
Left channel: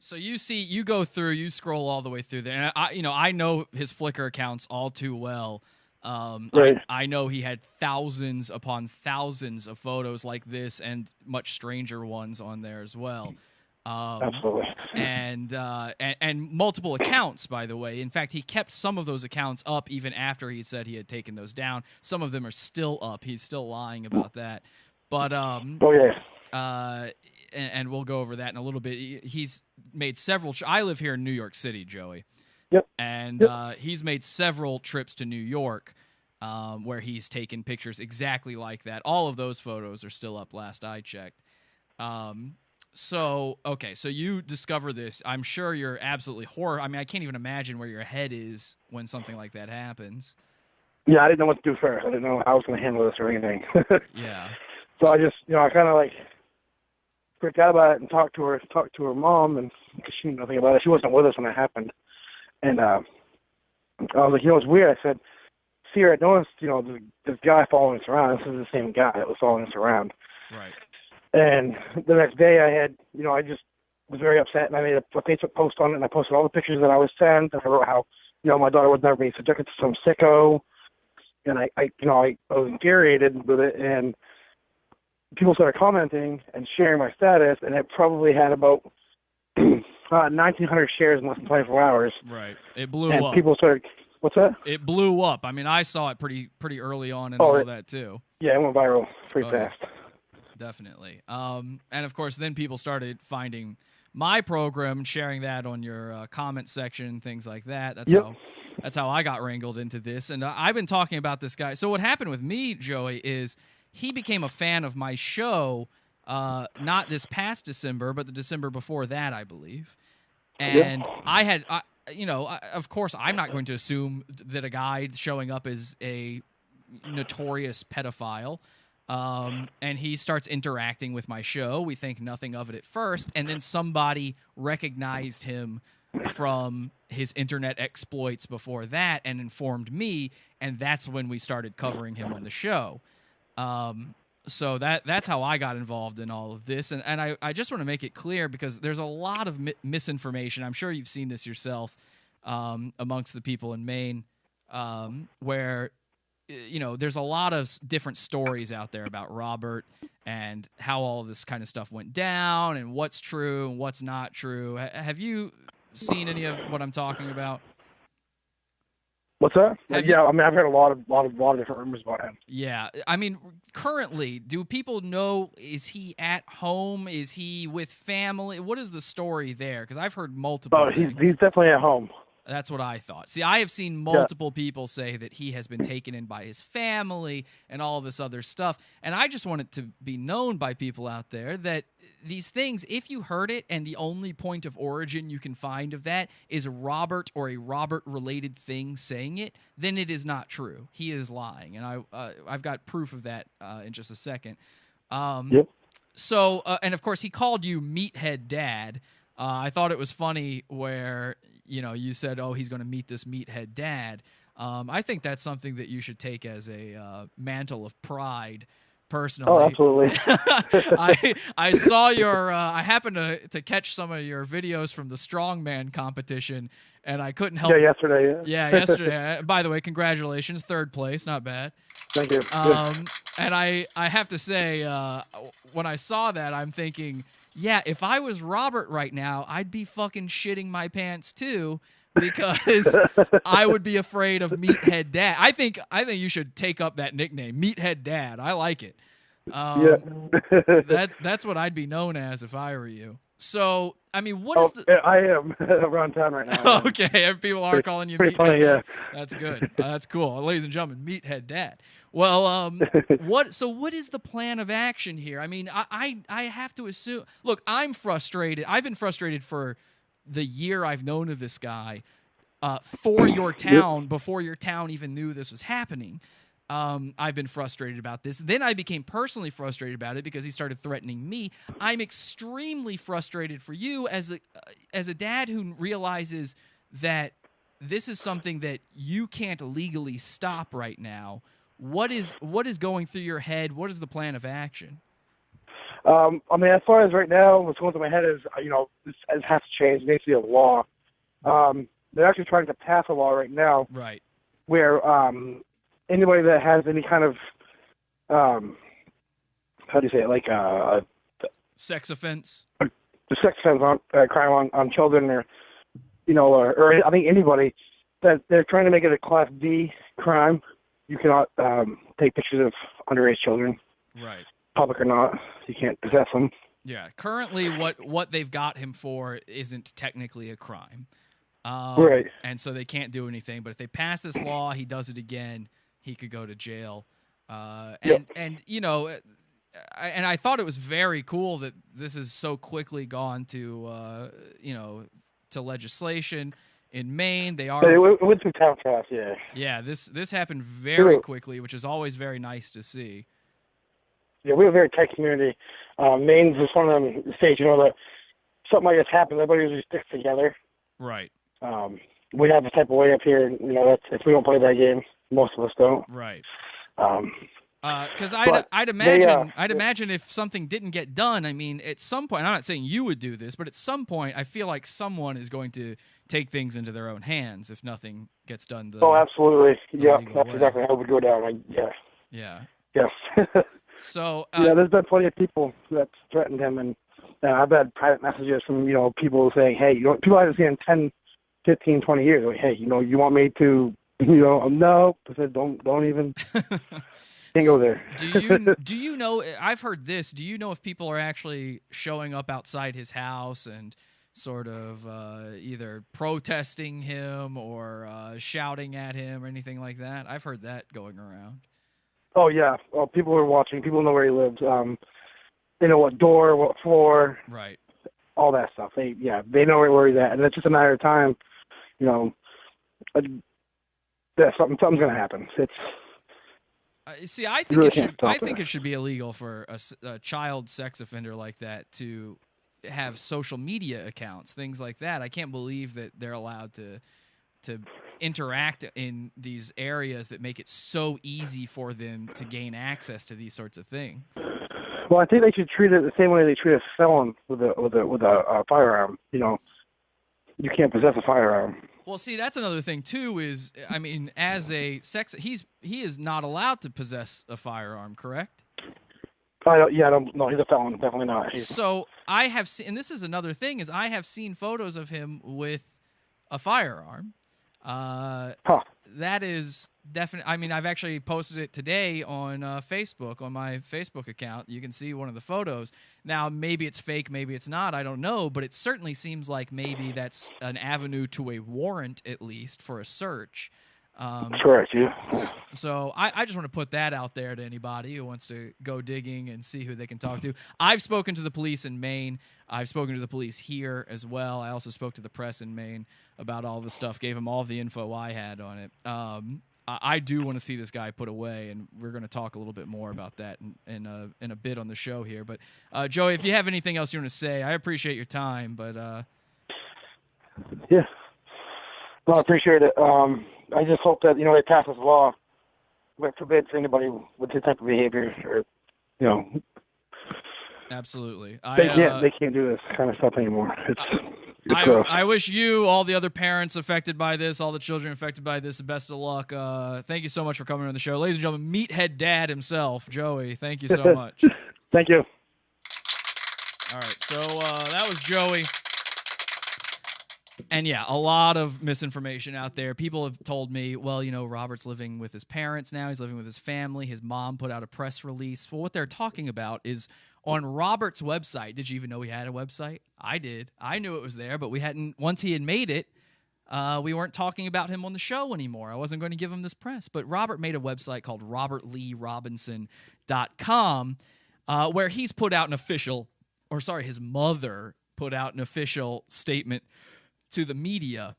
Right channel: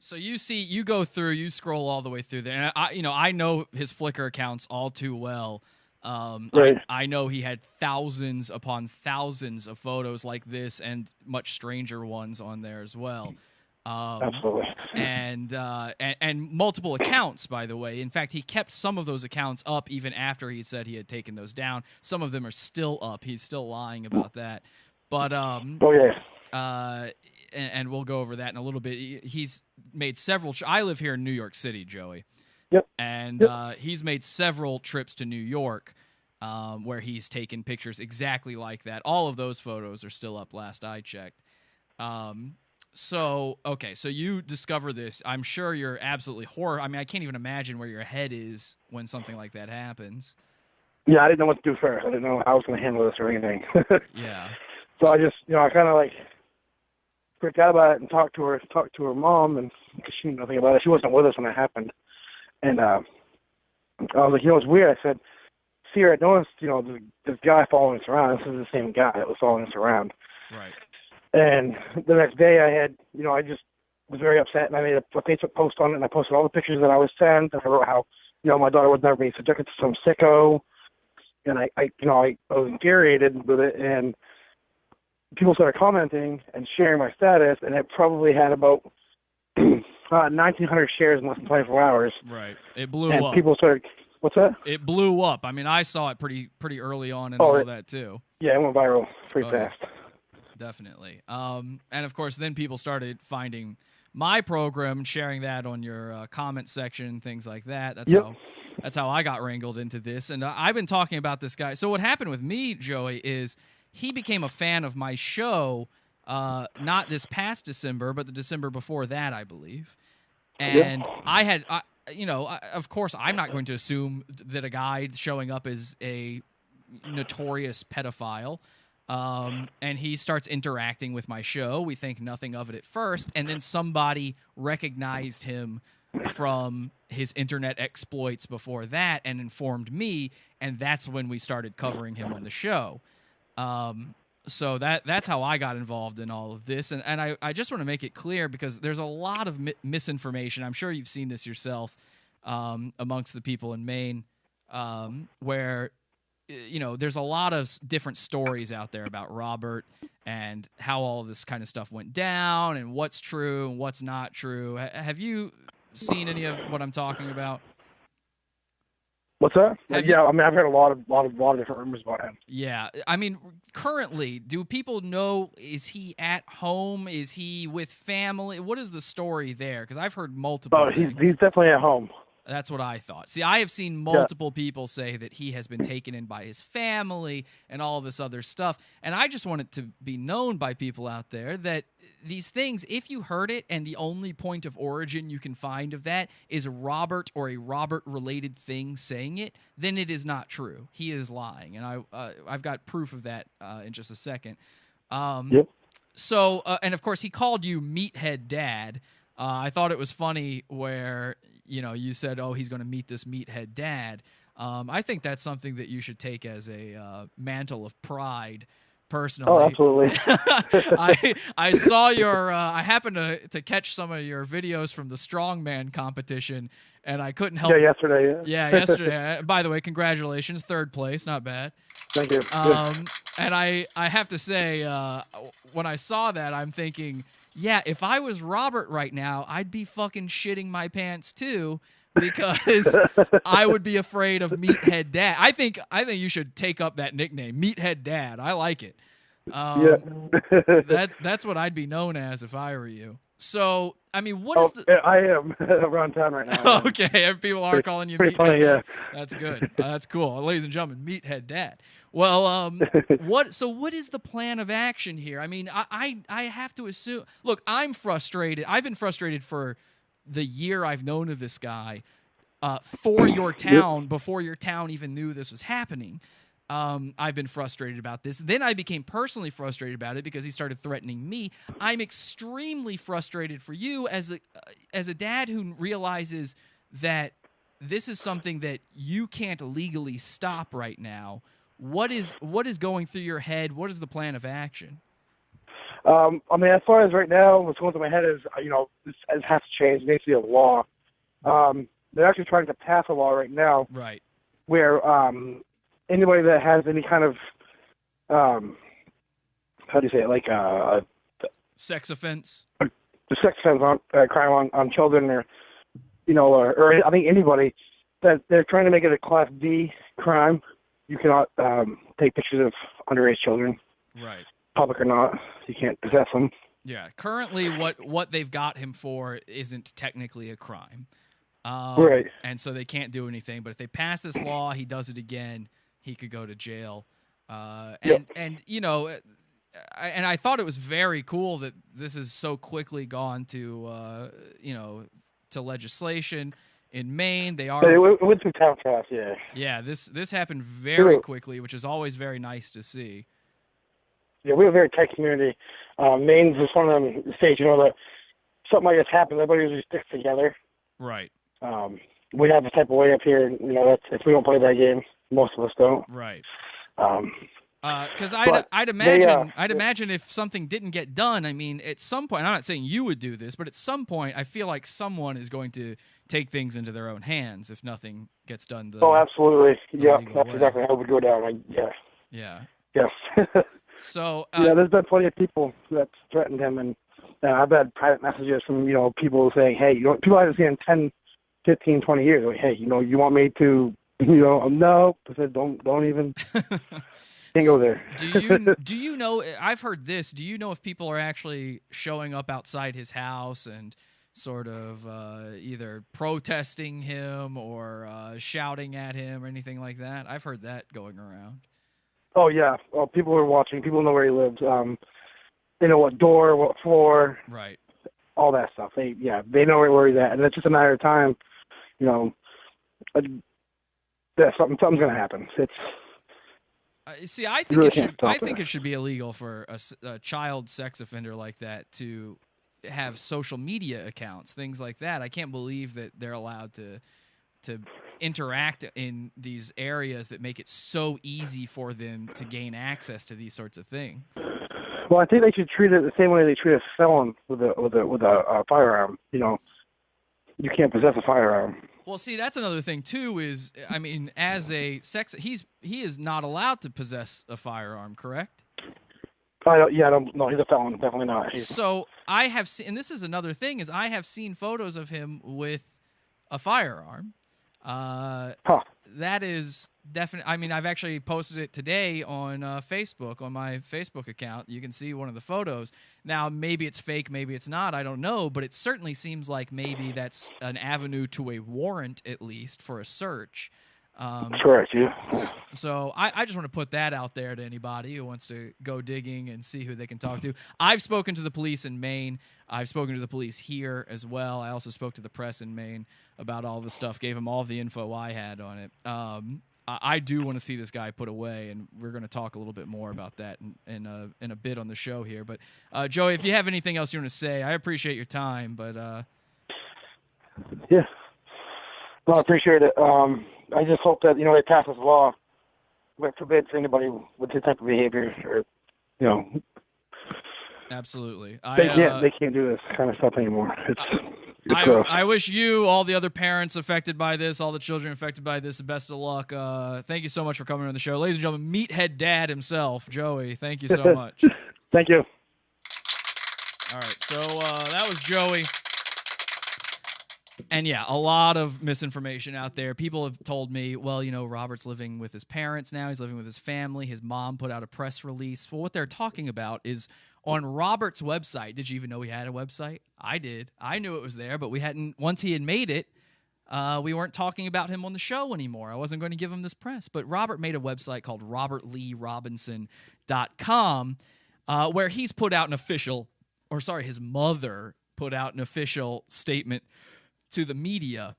So you go through, you scroll all the way through there, and I know his Flickr accounts all too well. Right. I know he had thousands upon thousands of photos like this, and much stranger ones on there as well. Absolutely. And multiple accounts, by the way. In fact, he kept some of those accounts up even after he said he had taken those down. Some of them are still up. He's still lying about that. But and we'll go over that in a little bit. He's made several. I live here in New York City, Joey. Yep. And he's made several trips to New York where he's taken pictures exactly like that. All of those photos are still up last I checked. So you discover this. I'm sure you're absolutely horrified. I mean, I can't even imagine where your head is when something like that happens. Yeah, I didn't know what to do first. I didn't know how I was going to handle this or anything. Yeah. So I just, I kind of freaked out about it and talked to her mom, and because she knew nothing about it. She wasn't with us when it happened. And I was like, it's weird. I said, "See, I noticed, this guy following us around. This is the same guy that was following us around." Right. And the next day I had, I just was very upset, and I made a Facebook post on it, and I posted all the pictures that I was sent, and I wrote how, my daughter was never being subjected to some sicko, and I was infuriated with it, and people started commenting and sharing my status, and it probably had about 1,900 shares in less than 24 hours. Right. It blew and up. And people started, what's that? It blew up. I mean, I saw it pretty early on and all that too. Yeah, it went viral pretty fast. Definitely. And of course, then people started finding my program and sharing that on your comment section, things like that. That's how I got wrangled into this. And I've been talking about this guy. So what happened with me, Joey, is he became a fan of my show, not this past December, but the December before that, I believe. And of course, I'm not going to assume that a guy showing up is a notorious pedophile. And he starts interacting with my show. We think nothing of it at first. And then somebody recognized him from his internet exploits before that and informed me. And that's when we started covering him on the show. So that's how I got involved in all of this. And I just want to make it clear because there's a lot of misinformation. I'm sure you've seen this yourself amongst the people in Maine where, there's a lot of different stories out there about Robert and how all of this kind of stuff went down and what's true and what's not true. Have you seen any of what I'm talking about? What's that? I've heard a lot of different rumors about him. Yeah. I mean, currently, do people know, is he at home? Is he with family? What is the story there? Because I've heard multiple things. He's definitely at home. That's what I thought. See, I have seen multiple people say that he has been taken in by his family and all this other stuff. And I just want it to be known by people out there that these things, if you heard it and the only point of origin you can find of that is Robert or a Robert-related thing saying it, then it is not true. He is lying. And I've got proof of that in just a second. So, and of course, he called you Meathead Dad. I thought it was funny where, you know, you said, oh, he's going to meet this meathead dad. I think that's something that you should take as a mantle of pride, personally. Oh, absolutely. I saw your, I happened to catch some of your videos from the strongman competition, and I couldn't help. Yeah, yesterday. Yeah, yesterday. By the way, congratulations, 3rd place, not bad. Thank you. And I have to say, when I saw that, I'm thinking, yeah, if I was Robert right now, I'd be fucking shitting my pants too, because I would be afraid of Meathead Dad. I think you should take up that nickname, Meathead Dad. I like it. That's what I'd be known as if I were you. So, I mean, what is the... I am around town right now. Okay, people are calling you pretty Meathead funny, Dad. yeah. That's good. That's cool. Ladies and gentlemen, Meathead Dad. Well, what is the plan of action here? I mean, I have to assume... Look, I'm frustrated. I've been frustrated for the year I've known of this guy for your town, before your town even knew this was happening. I've been frustrated about this. Then I became personally frustrated about it because he started threatening me. I'm extremely frustrated for you as a dad who realizes that this is something that you can't legally stop right now. What is going through your head? What is the plan of action? I mean, as far as right now, what's going through my head is, you know, this has to change. It needs to be a law. They're actually trying to pass a law right now, right, where anybody that has any kind of how do you say it, like sex offense, the sex offense crime on children, or you know, or I think anybody that they're trying to make it a Class D crime. You cannot take pictures of underage children, right? Public or not, you can't possess them. Yeah, currently what they've got him for isn't technically a crime, right? And so they can't do anything. But if they pass this law, he does it again, he could go to jail. And you know, and I thought it was very cool that this has so quickly gone to you know, to legislation. In Maine, they are... It went through town fast, yeah. Yeah, this happened very quickly, which is always very nice to see. Yeah, we have a very tight community. Maine's just one of them states, you know, that something like this happens, everybody usually sticks together. Right. We have this type of way up here, you know, that's, if we don't play that game, most of us don't. Right. Because I'd imagine if something didn't get done, I mean, at some point, I'm not saying you would do this, but at some point, I feel like someone is going to take things into their own hands if nothing gets done. Absolutely. Yeah, that's exactly how it would go down. Yeah. Yes. So yeah, there's been plenty of people that threatened him, and I've had private messages from, you know, people saying, hey, you know, people I haven't seen in 10, 15, 20 years. Like, hey, you know, you want me to, you know, no. I said, don't even. Can't go there. Do you know? I've heard this. Do you know if people are actually showing up outside his house and sort of either protesting him or shouting at him or anything like that? I've heard that going around. Oh yeah. Well, people are watching. People know where he lives. They know what door, what floor. Right. All that stuff. They know where he's at, and it's just a matter of time. You know, something's gonna happen. It's. See, I think it should be illegal for a child sex offender like that to have social media accounts, things like that. I can't believe that they're allowed to interact in these areas that make it so easy for them to gain access to these sorts of things. Well, I think they should treat it the same way they treat a felon with a firearm. You know, you can't possess a firearm. Well, see, that's another thing too. Is, I mean, as a he is not allowed to possess a firearm, correct? No, he's a felon, definitely not. So I have seen, and this is another thing, is I have seen photos of him with a firearm. that is definitely. I mean, I've actually posted it today on Facebook, on my Facebook account. You can see one of the photos. Now, maybe it's fake, maybe it's not. I don't know, but it certainly seems like maybe that's an avenue to a warrant, at least for a search. Correct, yeah. So I just want to put that out there to anybody who wants to go digging and see who they can talk to. I've spoken to the police in Maine. I've spoken to the police here as well. I also spoke to the press in Maine about all the stuff, gave them all the info I had on it. I do want to see this guy put away, and we're going to talk a little bit more about that in a bit on the show here. But, Joey, if you have anything else you want to say, I appreciate your time. But yeah. Well, I appreciate it. I just hope that, they pass this law that forbids anybody with this type of behavior or, Absolutely. They can't do this kind of stuff anymore. It's gross. I wish you, all the other parents affected by this, all the children affected by this, the best of luck. Thank you so much for coming on the show. Ladies and gentlemen, Meathead Dad himself, Joey, thank you so much. Thank you. All right, so that was Joey. And yeah, a lot of misinformation out there. People have told me, well, Robert's living with his parents now. He's living with his family. His mom put out a press release. Well, what they're talking about is on Robert's website. Did you even know he had a website? I did. I knew it was there, but we hadn't. Once he had made it, we weren't talking about him on the show anymore. I wasn't going to give him this press. But Robert made a website called robertleerobinson.com where he's put out his mother put out an official statement to the media.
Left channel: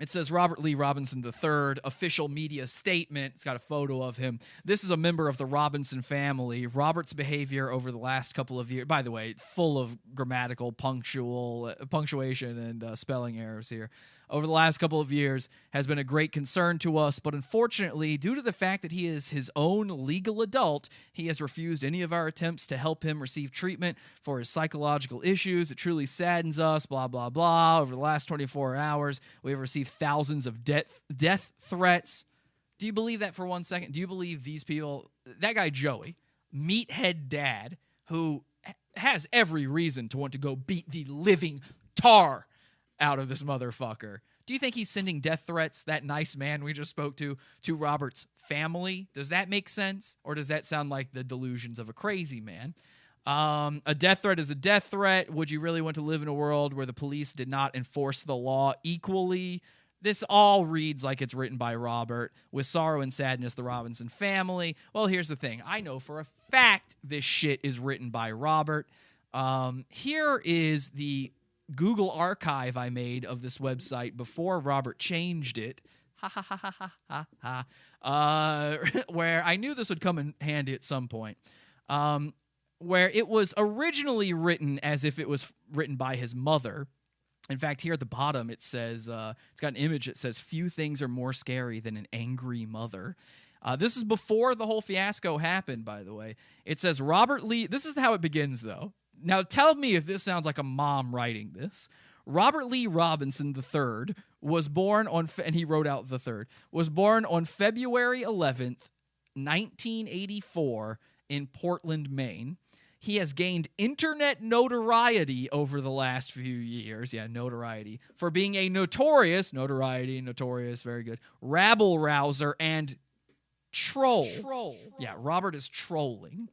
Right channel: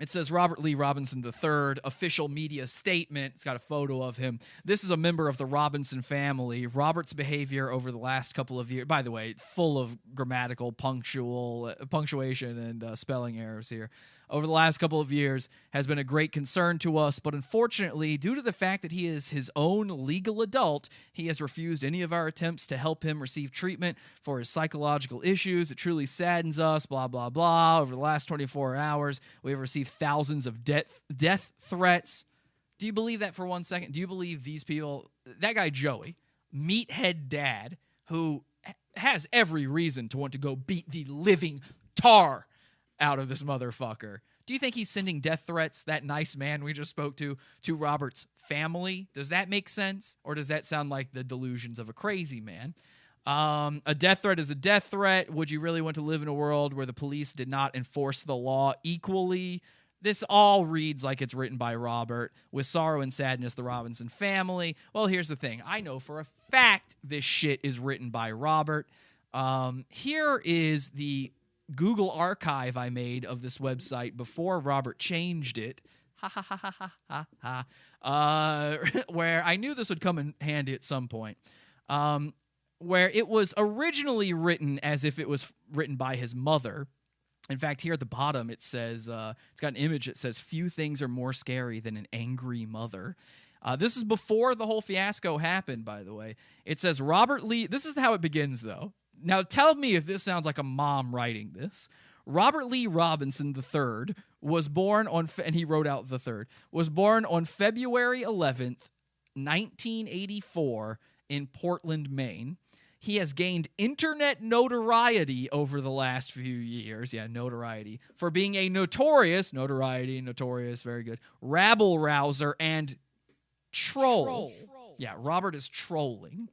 It says Robert Lee Robinson III, official media statement. It's got a photo of him. This is a member of the Robinson family. Robert's behavior over the last couple of years, by the way, full of grammatical, punctuation and spelling errors here. Over the last couple of years has been a great concern to us, but unfortunately, due to the fact that he is his own legal adult, he has refused any of our attempts to help him receive treatment for his psychological issues. It truly saddens us, blah, blah, blah. Over the last 24 hours, we have received thousands of death threats. Do you believe that for 1 second? Do you believe these people, that guy Joey, Meathead Dad, who has every reason to want to go beat the living tar out of this motherfucker. Do you think he's sending death threats, that nice man we just spoke to Robert's family? Does that make sense? Or does that sound like the delusions of a crazy man? A death threat is a death threat. Would you really want to live in a world where the police did not enforce the law equally? This all reads like it's written by Robert. With sorrow and sadness, the Robinson family. Well, here's the thing. I know for a fact this shit is written by Robert. Here is the Google archive I made of this website before Robert changed it. Where I knew this would come in handy at some point. Where it was originally written as if it was written by his mother. In fact, here at the bottom it says, it's got an image that says, "Few things are more scary than an angry mother." This is before the whole fiasco happened, by the way. It says, Robert Lee, this is how it begins, though. Now, tell me if this sounds like a mom writing this. Robert Lee Robinson III was born on, and he wrote out the third, was born on February 11th, 1984 in Portland, Maine. He has gained internet notoriety over the last few years, notoriety, for being a notorious, very good, rabble-rouser and troll. Yeah, Robert is trolling.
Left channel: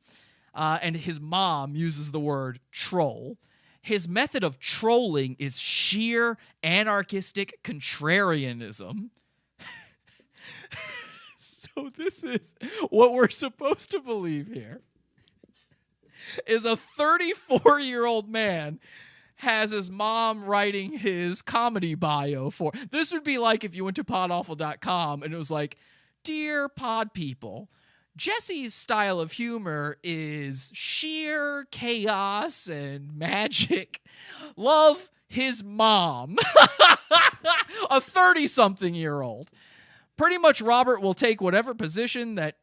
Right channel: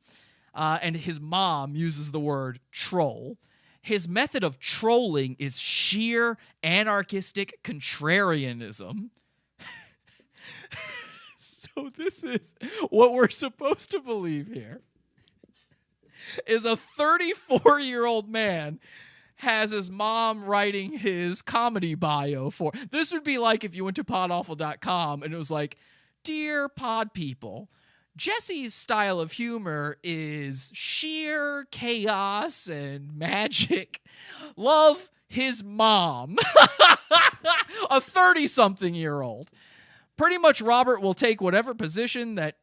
And his mom uses the word troll. His method of trolling is sheer anarchistic contrarianism. So this is what we're supposed to believe here. Is a 34-year-old man has his mom writing his comedy bio for. This would be like if you went to PODAWFUL.com and it was like, "Dear pod people, Jesse's style of humor is sheer chaos and magic. Love his mom." A 30-something-year-old. Pretty much Robert will take whatever position that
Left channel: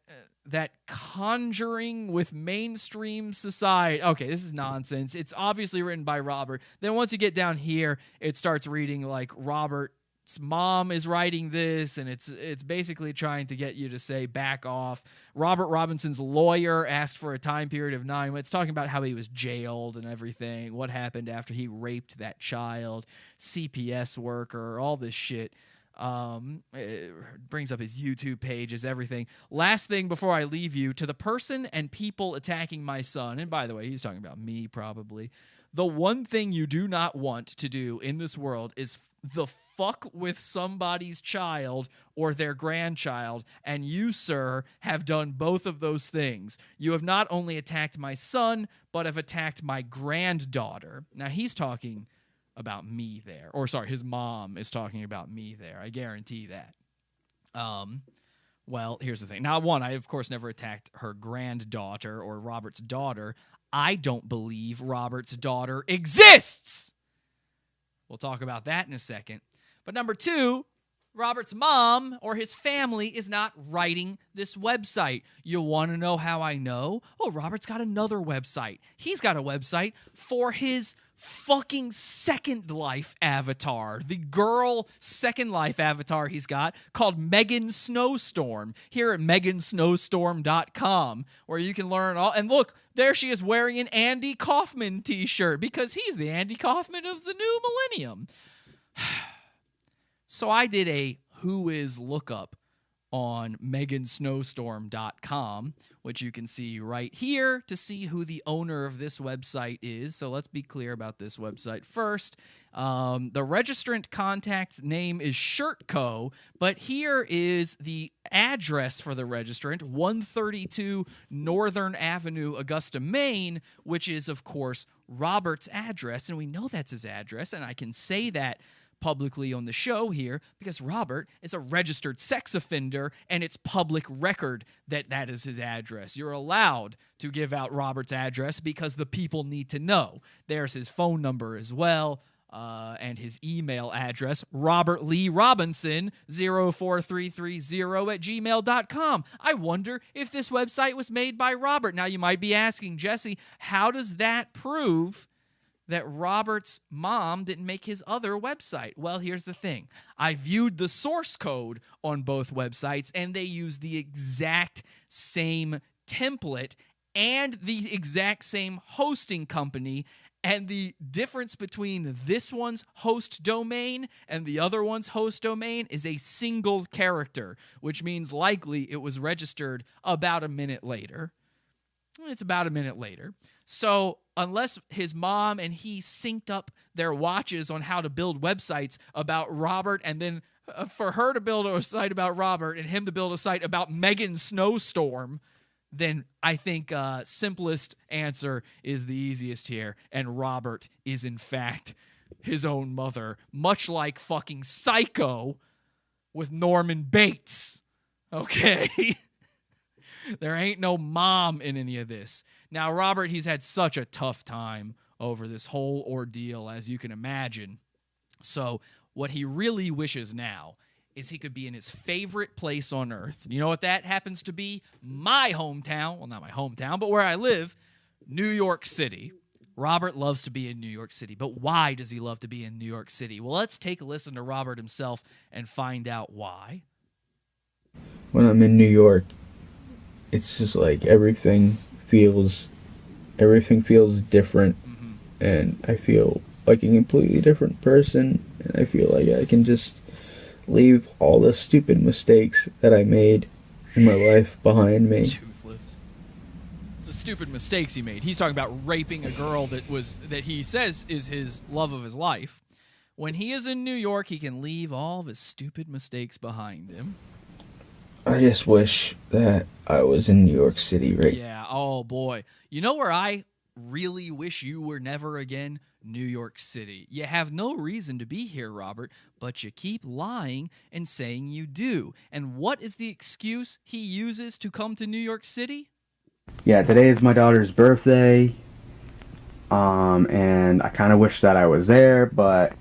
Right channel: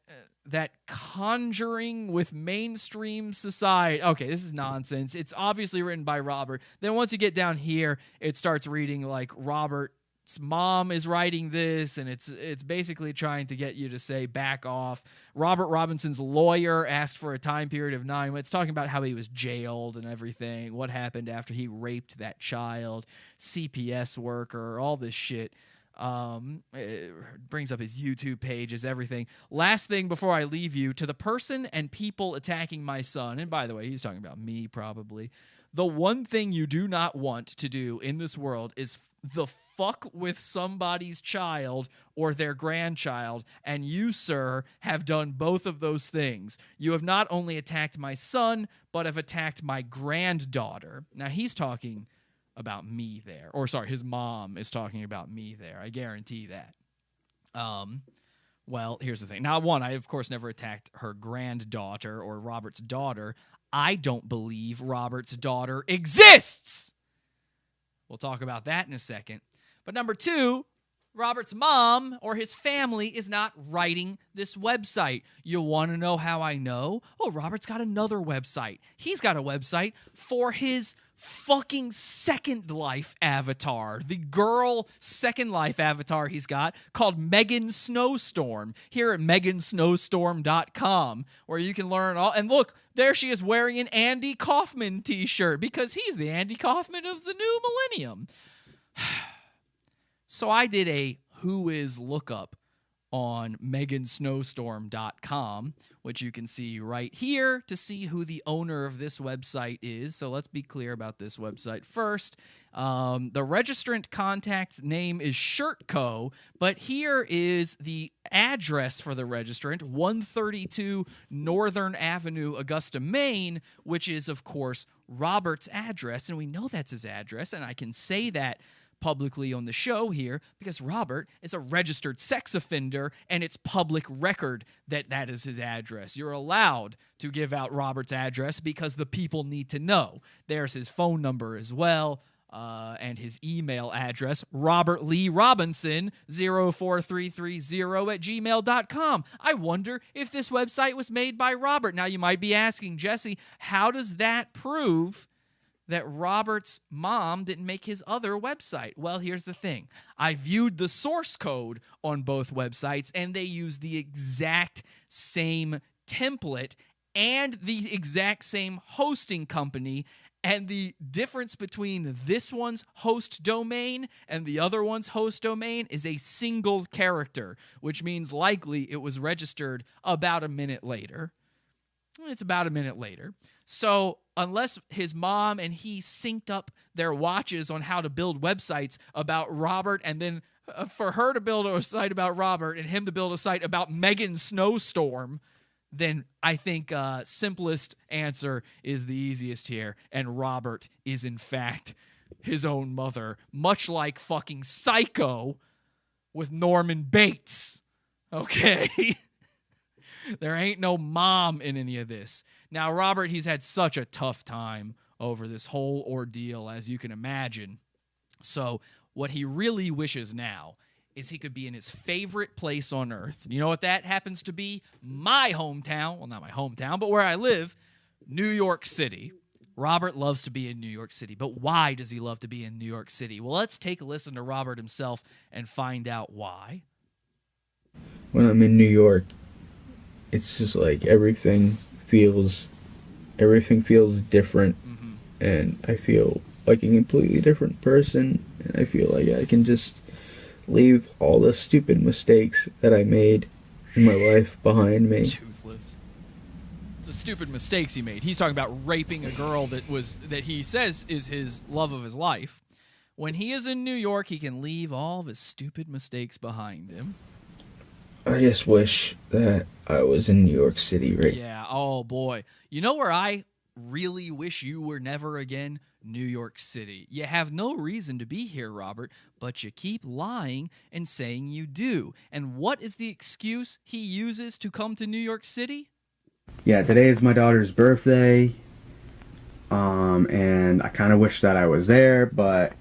conjuring with mainstream society. Okay, this is nonsense. It's obviously written by Robert. Then once you get down here, it starts reading like Robert's mom is writing this, and it's basically trying to get you to say back off. Robert Robinson's lawyer asked for a time period of 9 months, talking about how he was jailed and everything, what happened after he raped that child, CPS worker, all this shit. It brings up his YouTube pages, everything. Last thing before I leave you, to the person and people attacking my son, and by the way, he's talking about me probably. The one thing you do not want to do in this world is the fuck with somebody's child or their grandchild, and you, sir, have done both of those things. You have not only attacked my son, but have attacked my granddaughter. Now, he's talking about me there. Or, sorry, his mom is talking about me there. I guarantee that. Well, here's the thing. Now, one, I, of course, never attacked her granddaughter or Robert's daughter. I don't believe Robert's daughter exists. We'll talk about that in a second. But number two, Robert's mom or his family is not writing this website. You want to know how I know? Oh, Robert's got another website. He's got a website for his fucking Second Life avatar. The girl Second Life avatar he's got called Megan Snowstorm here at megansnowstorm.com, where you can learn all. And look, there she is wearing an Andy Kaufman t-shirt because he's the Andy Kaufman of the new millennium. So I did a who is lookup on megansnowstorm.com, which you can see right here to see who the owner of this website is. So let's be clear about this website first. The registrant contact name is Shirtco, but here is the address for the registrant, 132 Northern Avenue, Augusta, Maine, which is, of course, Robert's address, and we know that's his address, and I can say that publicly on the show here because Robert is a registered sex offender and it's public record that that is his address. You're allowed to give out Robert's address because the people need to know. There's his phone number as well, and his email address, robertleerobinson04330@gmail.com. I wonder if this website was made by Robert. Now you might be asking, Jesse, how does that prove that Robert's mom didn't make his other website? Well, here's the thing. I viewed the source code on both websites, and they use the exact same template and the exact same hosting company, and the difference between this one's host domain and the other one's host domain is a single character, which means likely it was registered about a minute later. It's about a minute later. So unless his mom and he synced up their watches on how to build websites about Robert, and then for her to build a site about Robert and him to build a site about Megan Snowstorm, then I think simplest answer is the easiest here. And Robert is, in fact, his own mother, much like fucking Psycho with Norman Bates. Okay? There ain't no mom in any of this. Now, Robert, he's had such a tough time over this whole ordeal, as you can imagine. So what he really wishes now is he could be in his favorite place on earth. You know what that happens to be? My hometown. Well, not my hometown, but where I live, New York City. Robert loves to be in New York City. But why does he love to be in New York City? Well, let's take a listen to Robert himself and find out why. When I'm in New York, it's just like everything feels different, and I feel like a completely different person, and I feel like I can just leave all the stupid mistakes that I made in my life behind me. Toothless. The stupid mistakes he made. He's talking about raping a girl that he says is his love of his life. When he is in New York, he can leave all of his stupid mistakes behind him. I just wish that I was in New York City, right? Yeah, oh boy. You know where I really wish you were never again? New York City. You have no reason to be here, Robert, but you keep lying and saying you do. And what is the excuse he uses to come to New York City? Yeah, today is my daughter's birthday, and I kind of wish that I was there, but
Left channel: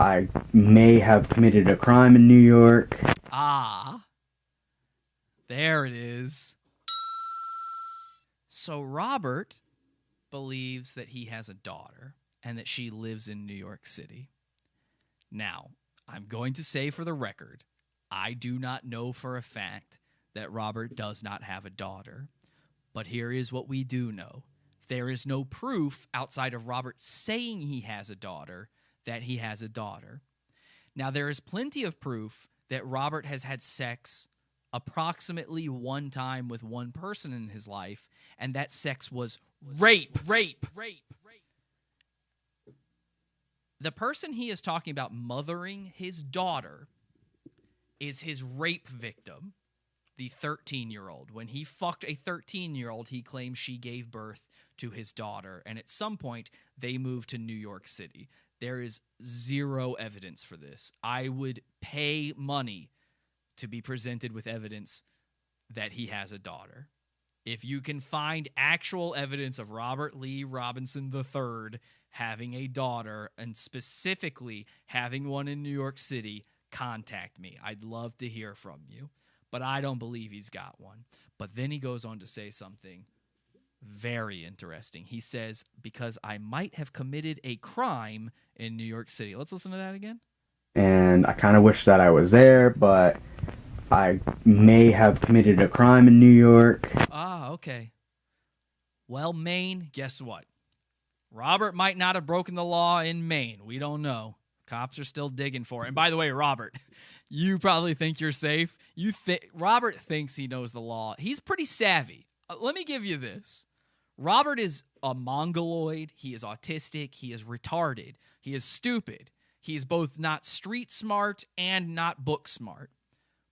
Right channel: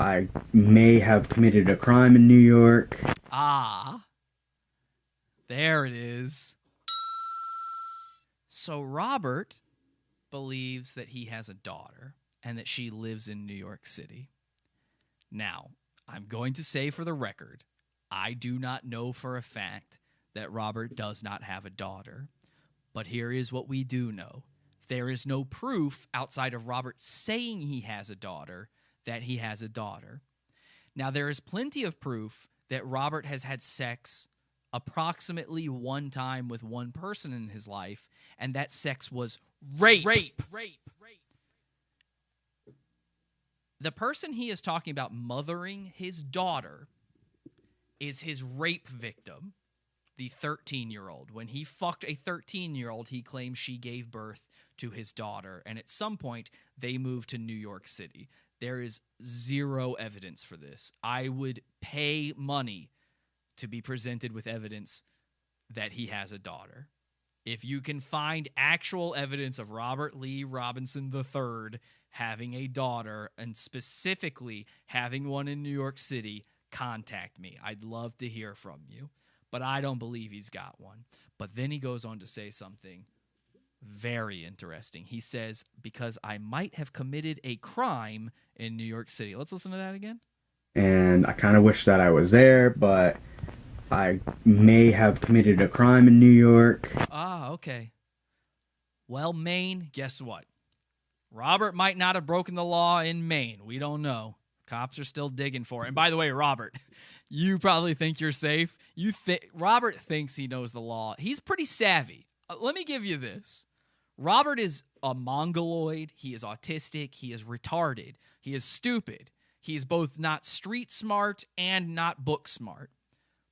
I may have committed a crime in New York. Ah. There it is. So Robert believes that he has a daughter and that she lives in New York City. Now, I'm going to say for the record, I do not know for a fact that Robert does not have a daughter. But here is what we do know. There is no proof outside of Robert saying he has a daughter that he has a daughter. Now, there is plenty of proof that Robert has had sex approximately one time with one person in his life, and that sex was rape. The person he is talking about mothering his daughter is his rape victim, the 13-year-old. When he fucked a 13-year-old, he claims she gave birth to his daughter, and at some point, they moved to New York City. There is zero evidence for this. I would pay money to be presented with evidence that he has a daughter. If you can find actual evidence of Robert Lee Robinson III having a daughter, and specifically having one in New York City, contact me. I'd love to hear from you. But I don't believe he's got one. But then he goes on to say something very interesting. He says, because I might have committed a crime in New York City. Let's listen to that again. And I kind of wish that I was there, but I may have committed a crime in New York. Ah, okay. Well, Maine, guess what? Robert might not have broken the law in Maine. We don't know. Cops are still digging for it. And by the way, Robert, you probably think you're safe. Robert thinks he knows the law. He's pretty savvy. Let me give you this. Robert is a mongoloid. He is autistic. He is retarded. He is stupid. He is both not street smart and not book smart.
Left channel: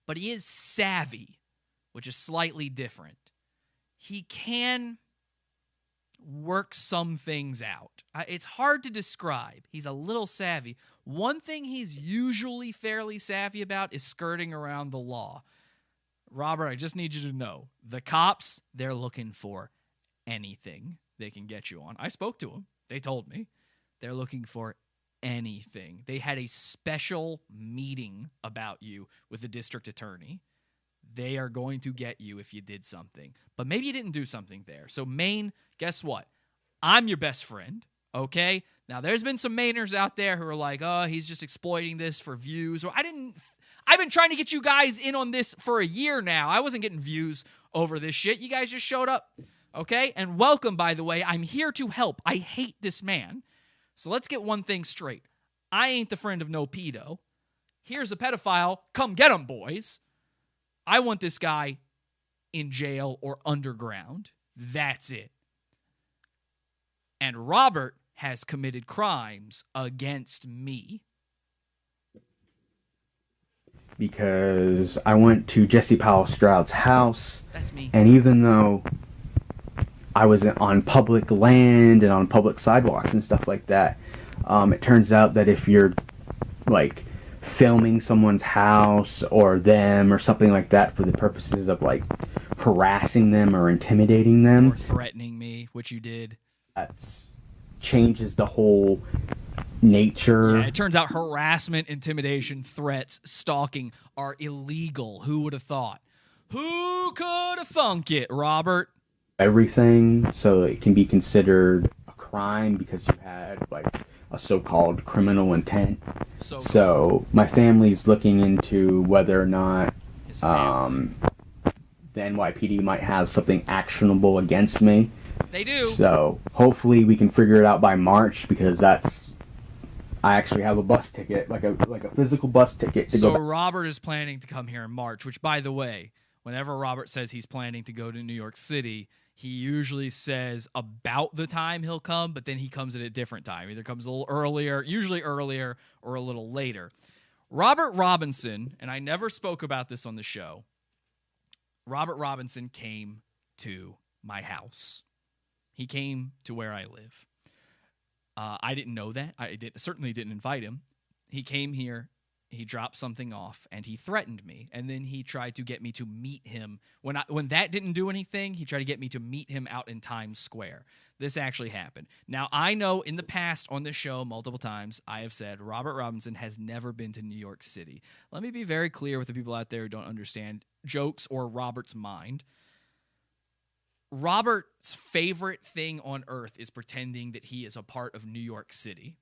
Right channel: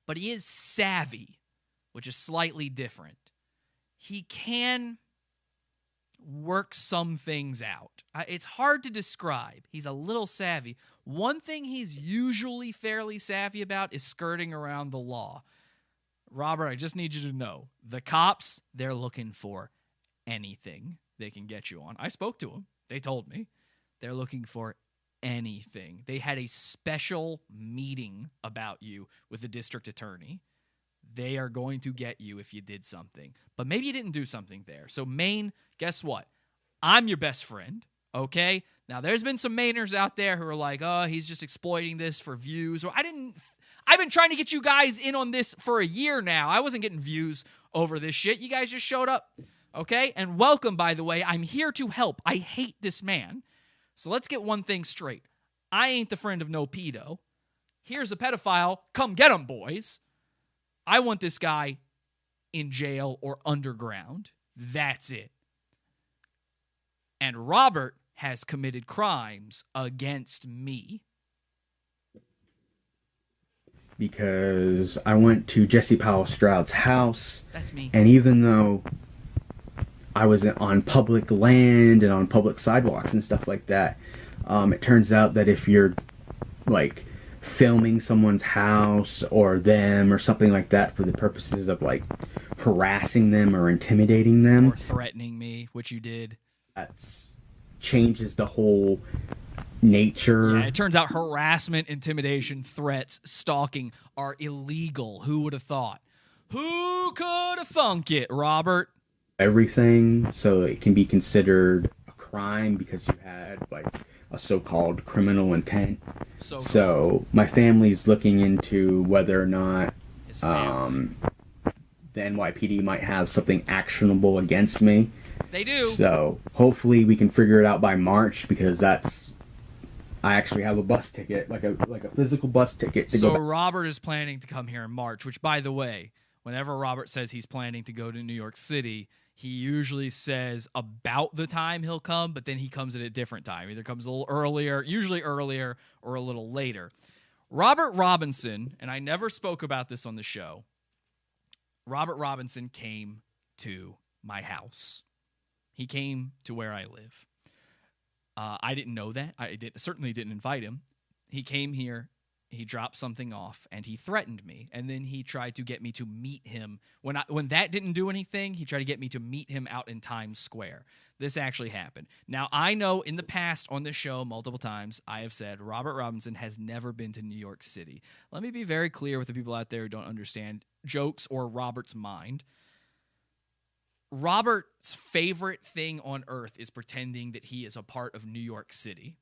But he is savvy, which is slightly different. He can work some things out. It's hard to describe. He's a little savvy. One thing he's usually fairly savvy about is skirting around the law. Robert, I just need you to know, the cops, they're looking for anything they can get you on. I spoke to them. They told me. They're looking for anything. They had a special meeting about you with the district attorney. They are going to get you if you did something. But maybe you didn't do something there. So Maine, guess what? I'm your best friend, okay? Now, there's been some Mainers out there who are like, oh, he's just exploiting this for views. Or I've been trying to get you guys in on this for a year now. I wasn't getting views over this shit. You guys just showed up, okay? And welcome, by the way. I'm here to help. I hate this man. So let's get one thing straight. I ain't the friend of no pedo. Here's a pedophile. Come get him, boys. I want this guy in jail or underground. That's it. And Robert has committed crimes against me. Because I went to Jesse Powell Stroud's house. That's me. And even though I was on public land and on public sidewalks and stuff like that, it turns out that if you're, like, filming someone's house or them or something like that for the purposes of, like, harassing them or intimidating them, or threatening me, which you did, that changes the whole nature. Yeah, it turns out harassment, intimidation, threats, stalking are illegal. Who would have thought? Who could have thunk it, Robert? Everything, so it can be considered a crime because you had, like, a so-called criminal intent. So my family's looking into whether or not the NYPD might have something actionable against me. They do. So hopefully we can figure it out by March, because I actually have a bus ticket, like a physical bus ticket to go back. Robert is planning to come here in March, which, by the way, whenever Robert says he's planning to go to New York City, he usually says about the time he'll come, but then he comes at a different time. Either comes a little earlier, usually earlier, or a little later. Robert Robinson, and I never spoke about this on the show, Robert Robinson came to my house. He came to where I live. I didn't know that. I certainly didn't invite him. He came here. He dropped something off, and he threatened me. And then he tried to get me to meet him. When that didn't do anything, he tried to get me to meet him out in Times Square. This actually happened. Now, I know in the past on this show multiple times, I have said Robert Robinson has never been to New York City. Let me be very clear with the people out there who don't understand jokes or Robert's mind. Robert's favorite thing on earth is pretending that he is a part of New York City.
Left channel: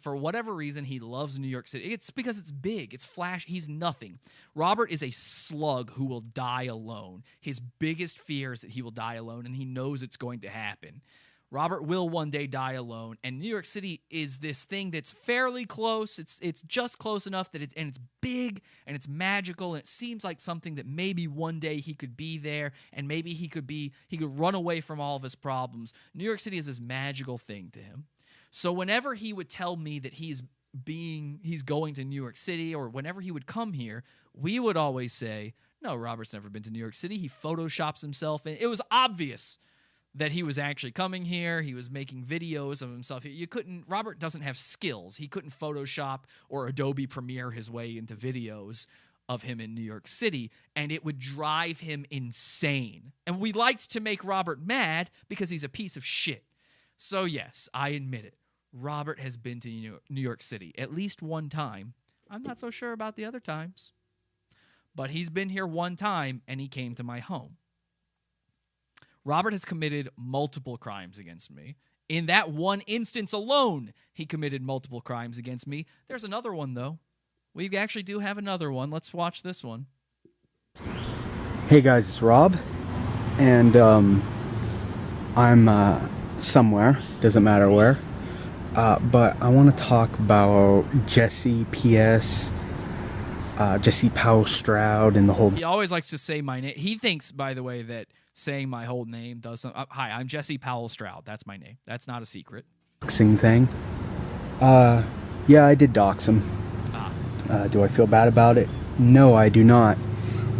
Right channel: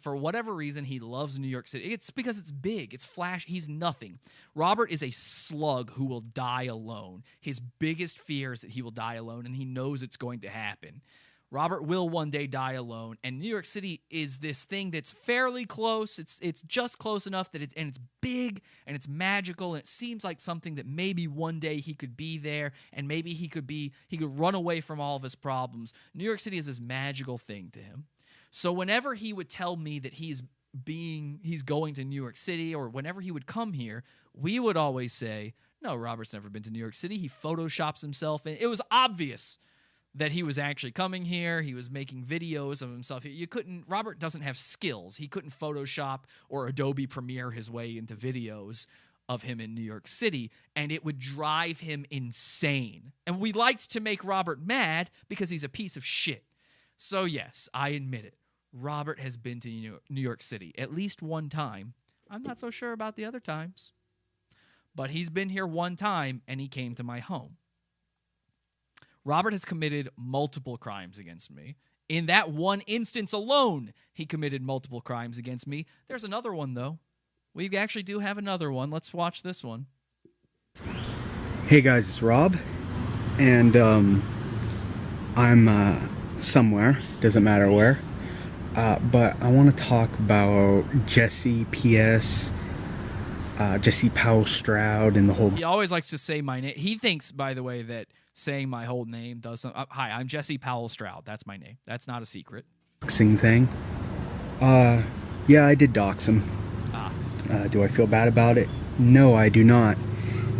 For whatever reason, he loves New York City. It's because it's big. It's flash. He's nothing. Robert is a slug who will die alone. His biggest fear is that he will die alone, and he knows it's going to happen. Robert will one day die alone, and New York City is this thing that's fairly close. It's just close enough that it's big and it's magical, and it seems like something that maybe one day he could be there, and maybe he could run away from all of his problems. New York City is this magical thing to him. So whenever he would tell me that he's going to New York City, or whenever he would come here, we would always say, no, Robert's never been to New York City. He photoshops himself, and it was obvious that he was actually coming here. He was making videos of himself. Robert doesn't have skills. He couldn't Photoshop or Adobe Premiere his way into videos of him in New York City, and it would drive him insane. And we liked to make Robert mad because he's a piece of shit. So yes, I admit it. Robert has been to New York City at least one time. I'm not so sure about the other times. But he's been here one time, and he came to my home. Robert has committed multiple crimes against me. In that one instance alone, he committed multiple crimes against me. There's another one, though. We actually do have another one. Let's watch this one. Hey guys, it's Rob, and I'm somewhere, doesn't matter where, but I want to talk about Jesse P.S., Jesse Powell Stroud, and the whole... He always likes to say my name. He thinks, by the way, that saying my whole name does something. Hi, I'm Jesse Powell Stroud. That's my name. That's not a secret. Doxing thing. Yeah, I did dox him. Do I feel bad about it? No, I do not.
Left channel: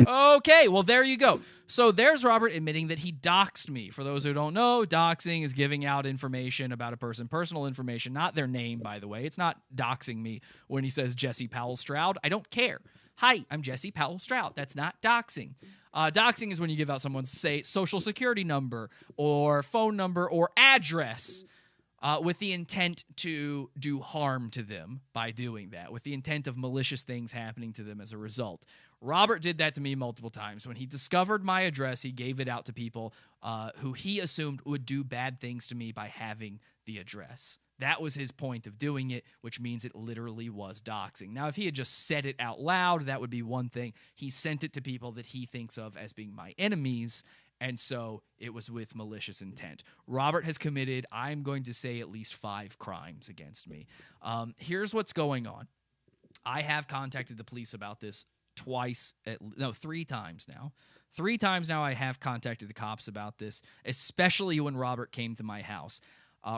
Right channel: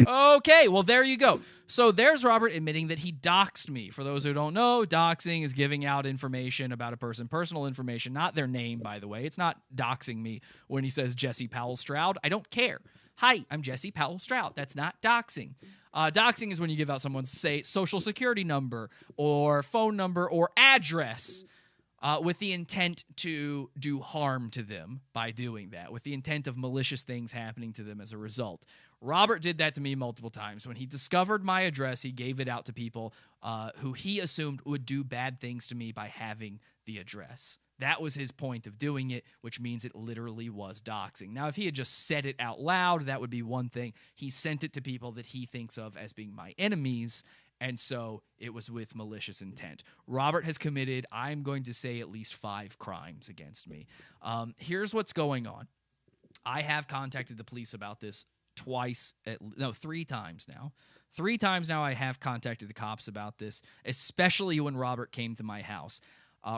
Okay, well, there you go. So there's Robert admitting that he doxed me. For those who don't know, doxing is giving out information about a person, personal information, not their name, by the way. It's not doxing me when he says Jesse Powell Stroud. I don't care. Hi, I'm Jesse Powell Stroud. That's not doxing. Doxing is when you give out someone's, say, social security number or phone number or address with the intent to do harm to them by doing that, with the intent of malicious things happening to them as a result. Robert did that to me multiple times. When he discovered my address, he gave it out to people who he assumed would do bad things to me by having the address. That was his point of doing it, which means it literally was doxing. Now, if he had just said it out loud, that would be one thing. He sent it to people that he thinks of as being my enemies, and so it was with malicious intent. Robert has committed, I'm going to say, at least 5 crimes against me. Here's what's going on. I have contacted the police about this 3 times now. 3 times now I have contacted the cops about this, especially when Robert came to my house.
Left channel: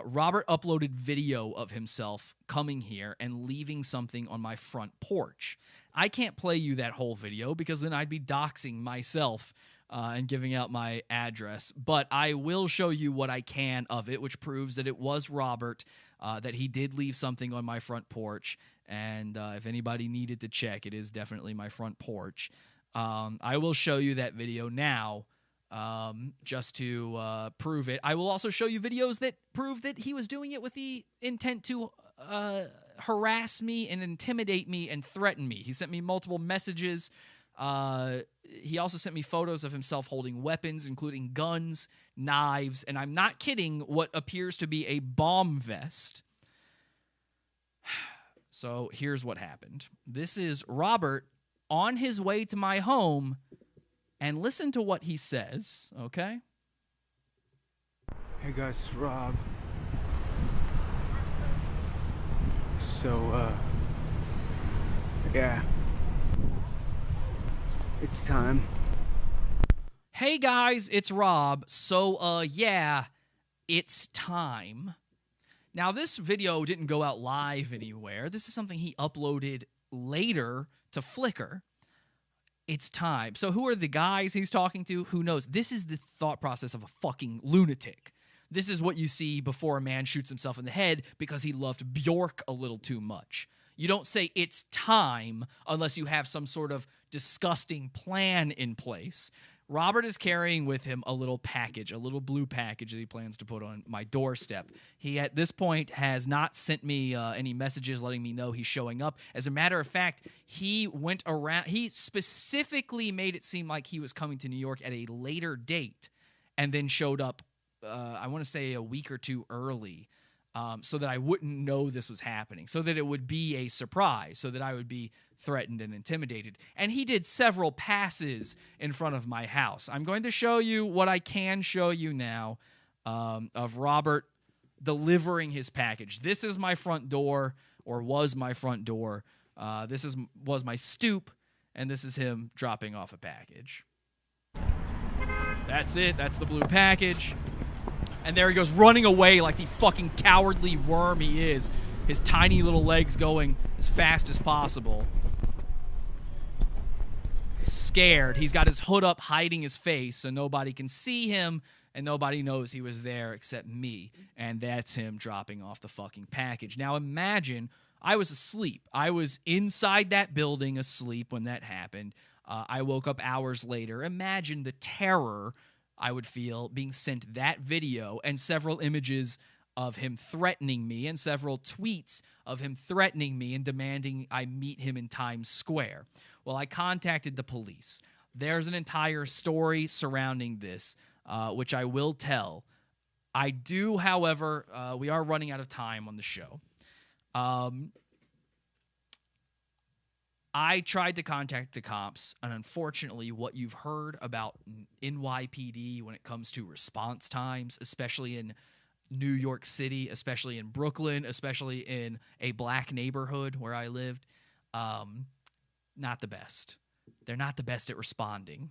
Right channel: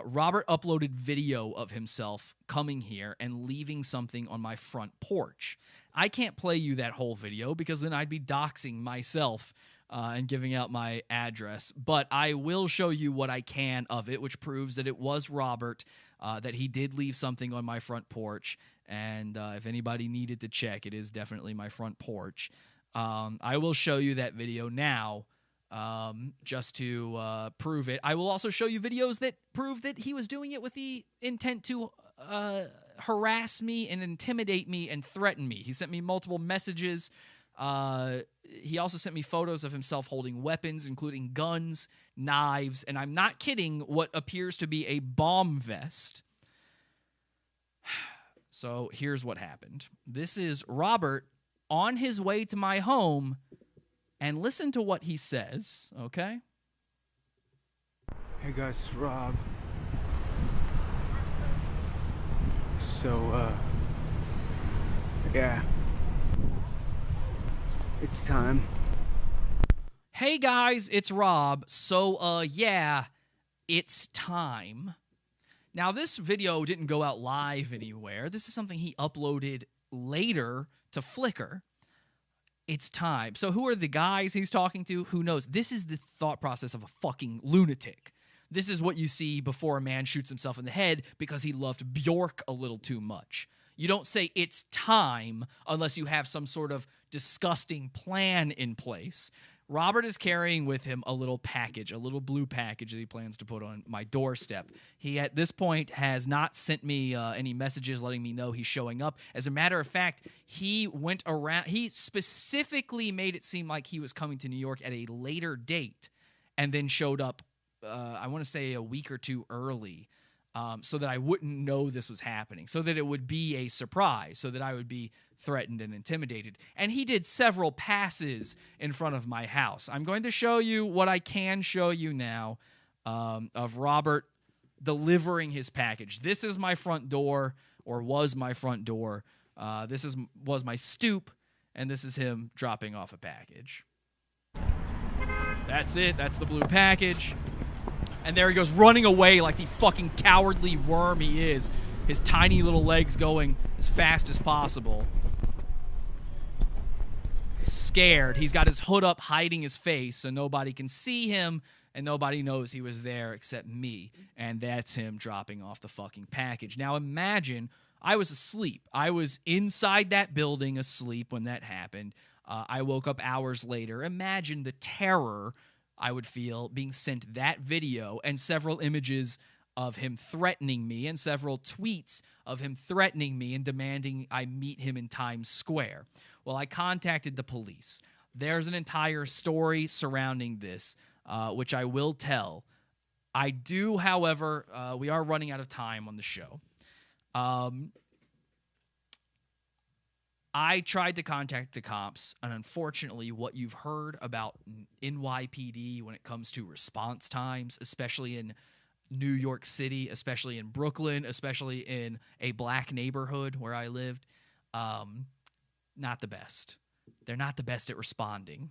Robert uploaded video of himself coming here and leaving something on my front porch. I can't play you that whole video because then I'd be doxing myself and giving out my address, but I will show you what I can of it, which proves that it was Robert, that he did leave something on my front porch, and if anybody needed to check, it is definitely my front porch. I will show you that video now, just to prove it. I will also show you videos that prove that he was doing it with the intent to harass me and intimidate me and threaten me. He sent me multiple messages. He also sent me photos of himself holding weapons, including guns, knives, and I'm not kidding, what appears to be a bomb vest. So here's what happened. This is Robert on his way to my home, and listen to what he says, okay? Hey guys, it's Rob. So, yeah. It's time. Hey guys, it's Rob. So, yeah, it's time. Now, this video didn't go out live anywhere. This is something he uploaded later to Flickr. It's time. So who are the guys he's talking to? Who knows? This is the thought process of a fucking lunatic. This is what you see before a man shoots himself in the head because he loved Bjork a little too much. You don't say it's time unless you have some sort of disgusting plan in place. Robert is carrying with him a little package, a little blue package that he plans to put on my doorstep. He, at this point, has not sent me any messages letting me know he's showing up. As a matter of fact, he went around. He specifically made it seem like he was coming to New York at a later date and then showed up, I want to say, a week or 2 early, so that I wouldn't know this was happening, so that it would be a surprise, so that I would be threatened and intimidated. And he did several passes in front of my house. I'm going to show you what I can show you now. of Robert delivering his package. This is my front door, or was my front door. This was my stoop, and this is him dropping off a package. That's it. That's the blue package. And there he goes, running away like the fucking cowardly worm he is. His tiny little legs going as fast as possible. Scared. He's got his hood up, hiding his face so nobody can see him, and nobody knows he was there except me. And that's him dropping off the fucking package. Now imagine, I was asleep. I was inside that building asleep when that happened. I woke up hours later. Imagine the terror I would feel being sent that video and several images of him threatening me and several tweets of him threatening me and demanding I meet him in Times Square. Well, I contacted the police. There's an entire story surrounding this, which I will tell. I do, however, we are running out of time on the show. I tried to contact the cops, and unfortunately, what you've heard about NYPD when it comes to response times, especially in New York City, especially in Brooklyn, especially in a black neighborhood where I lived, not the best. They're not the best at responding.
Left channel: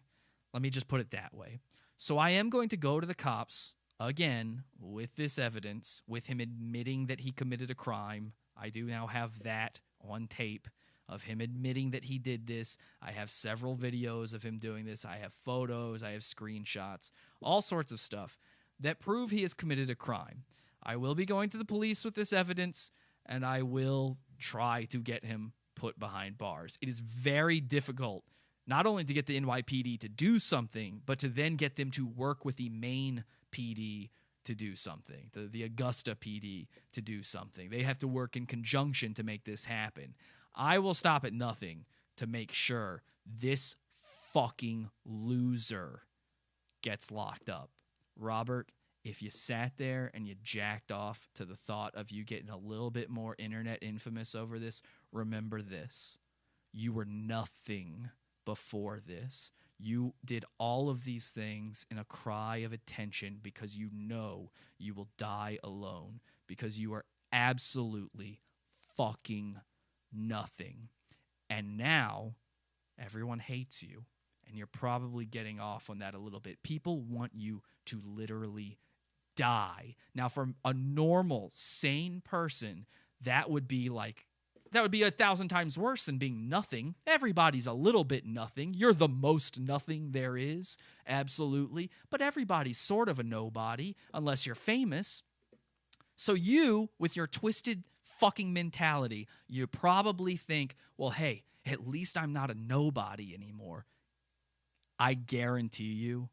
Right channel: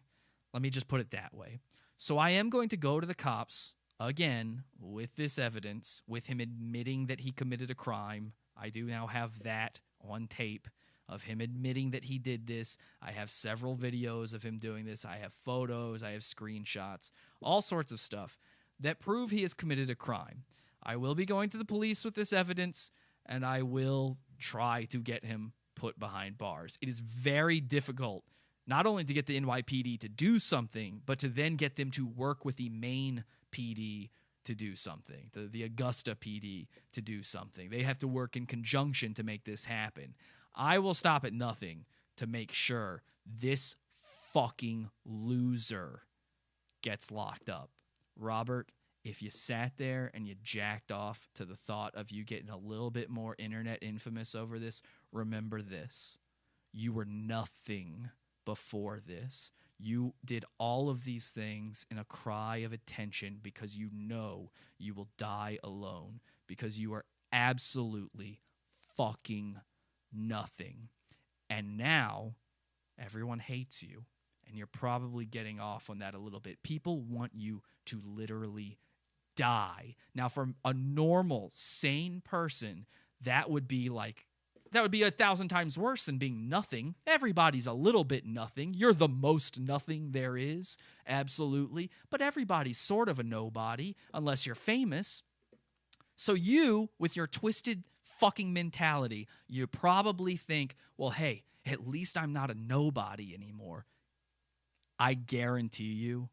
Let me just put it that way. So I am going to go to the cops again with this evidence, with him admitting that he committed a crime. I do now have that on tape of him admitting that he did this. I have several videos of him doing this. I have photos. I have screenshots, all sorts of stuff that prove he has committed a crime. I will be going to the police with this evidence, and I will try to get him put behind bars. It is very difficult not only to get the NYPD to do something, but to then get them to work with the main PD to do something, the Augusta PD to do something. They have to work in conjunction to make this happen. I will stop at nothing to make sure this fucking loser gets locked up. Robert, if you sat there and you jacked off to the thought of you getting a little bit more internet infamous over this, remember this. You were nothing before this. You did all of these things in a cry of attention because you know you will die alone, because you are absolutely fucking nothing. And now everyone hates you, and you're probably getting off on that a little bit. People want you to literally die. Now, for a normal, sane person, that would be 1,000 times worse than being nothing. Everybody's a little bit nothing. You're the most nothing there is, absolutely. But everybody's sort of a nobody, unless you're famous. So you, with your twisted fucking mentality, you probably think, well, hey, at least I'm not a nobody anymore. I guarantee you,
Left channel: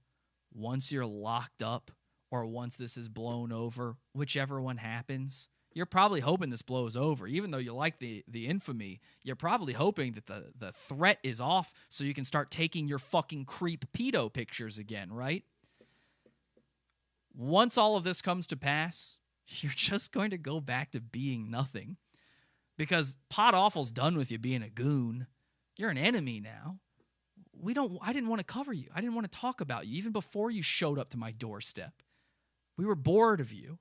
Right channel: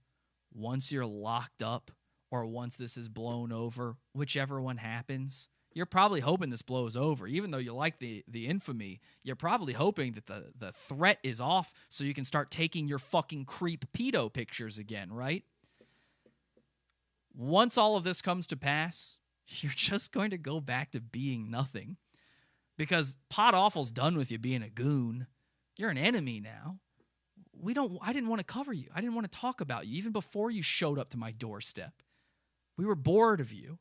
once you're locked up or once this is blown over, whichever one happens, you're probably hoping this blows over. Even though you like the infamy, you're probably hoping that the threat is off so you can start taking your fucking creep pedo pictures again, right? Once all of this comes to pass, you're just going to go back to being nothing. Because PODAWFUL's done with you being a goon. You're an enemy now. I didn't want to cover you. I didn't want to talk about you even before you showed up to my doorstep. We were bored of you.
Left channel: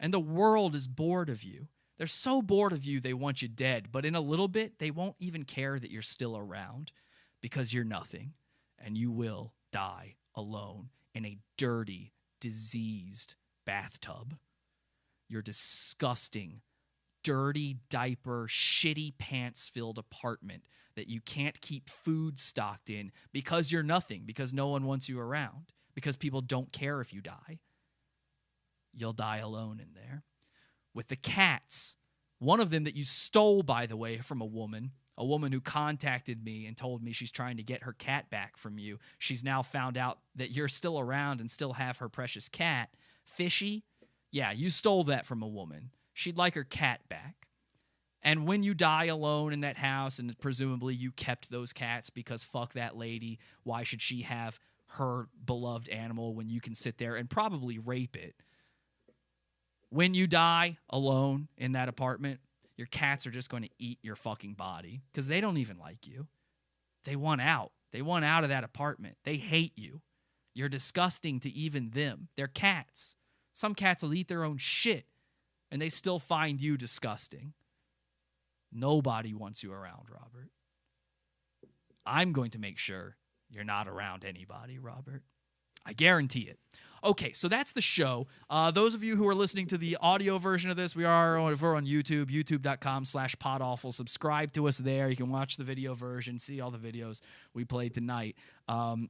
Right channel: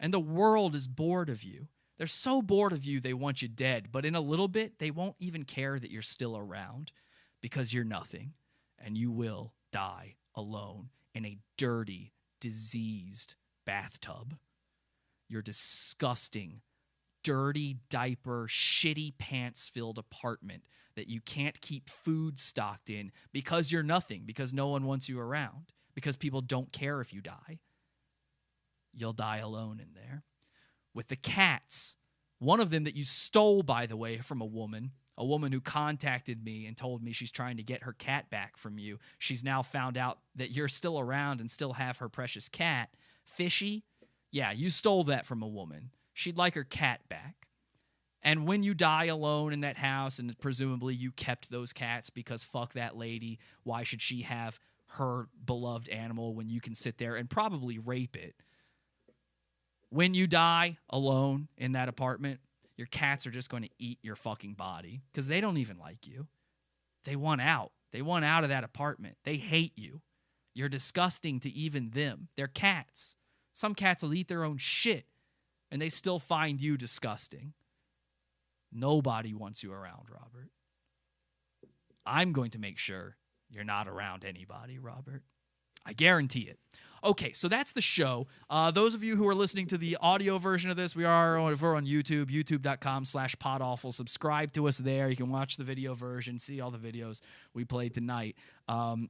And the world is bored of you. They're so bored of you, they want you dead. But in a little bit, they won't even care that you're still around because you're nothing. And you will die alone in a dirty, diseased bathtub. Your disgusting, dirty diaper, shitty pants-filled apartment that you can't keep food stocked in because you're nothing, because no one wants you around, because people don't care if you die. You'll die alone in there. With the cats, one of them that you stole, by the way, from a woman who contacted me and told me she's trying to get her cat back from you. She's now found out that you're still around and still have her precious cat. Fishy? Yeah, you stole that from a woman. She'd like her cat back. And when you die alone in that house, and presumably you kept those cats because fuck that lady, why should she have her beloved animal when you can sit there and probably rape it? When you die alone in that apartment, your cats are just going to eat your fucking body because they don't even like you. They want out. They want out of that apartment. They hate you. You're disgusting to even them. They're cats. Some cats will eat their own shit, and they still find you disgusting. Nobody wants you around, Robert. I'm going to make sure you're not around anybody, Robert. I guarantee it. Okay, so that's the show. Those of you who are listening to the audio version of this, we're on YouTube, youtube.com/PODAWFUL. Subscribe to us there. You can watch the video version, see all the videos we played tonight.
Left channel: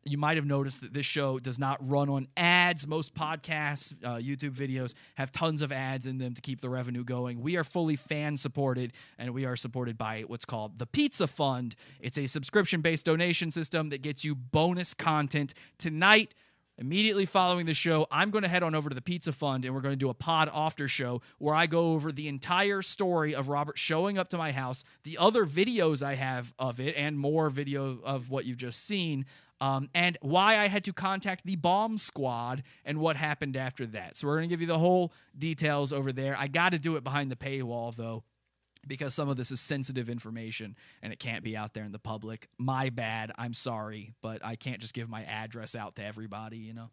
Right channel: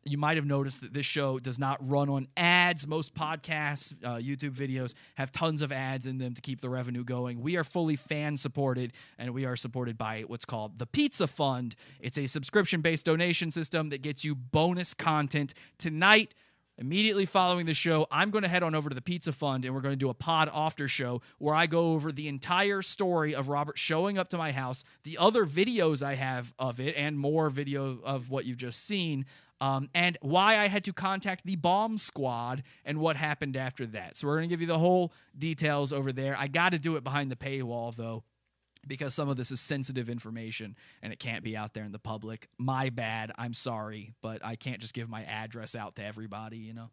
You might have noticed that this show does not run on ads. Most podcasts, YouTube videos, have tons of ads in them to keep the revenue going. We are fully fan-supported, and we are supported by what's called the Pizza Fund. It's a subscription-based donation system that gets you bonus content. Tonight, immediately following the show, I'm going to head on over to the Pizza Fund, and we're going to do a pod after show where I go over the entire story of Robert showing up to my house, the other videos I have of it, and more video of what you've just seen, and why I had to contact the bomb squad and what happened after that. So we're going to give you the whole details over there. I got to do it behind the paywall, though, because some of this is sensitive information and it can't be out there in the public. My bad. I'm sorry, but I can't just give my address out to everybody, you know.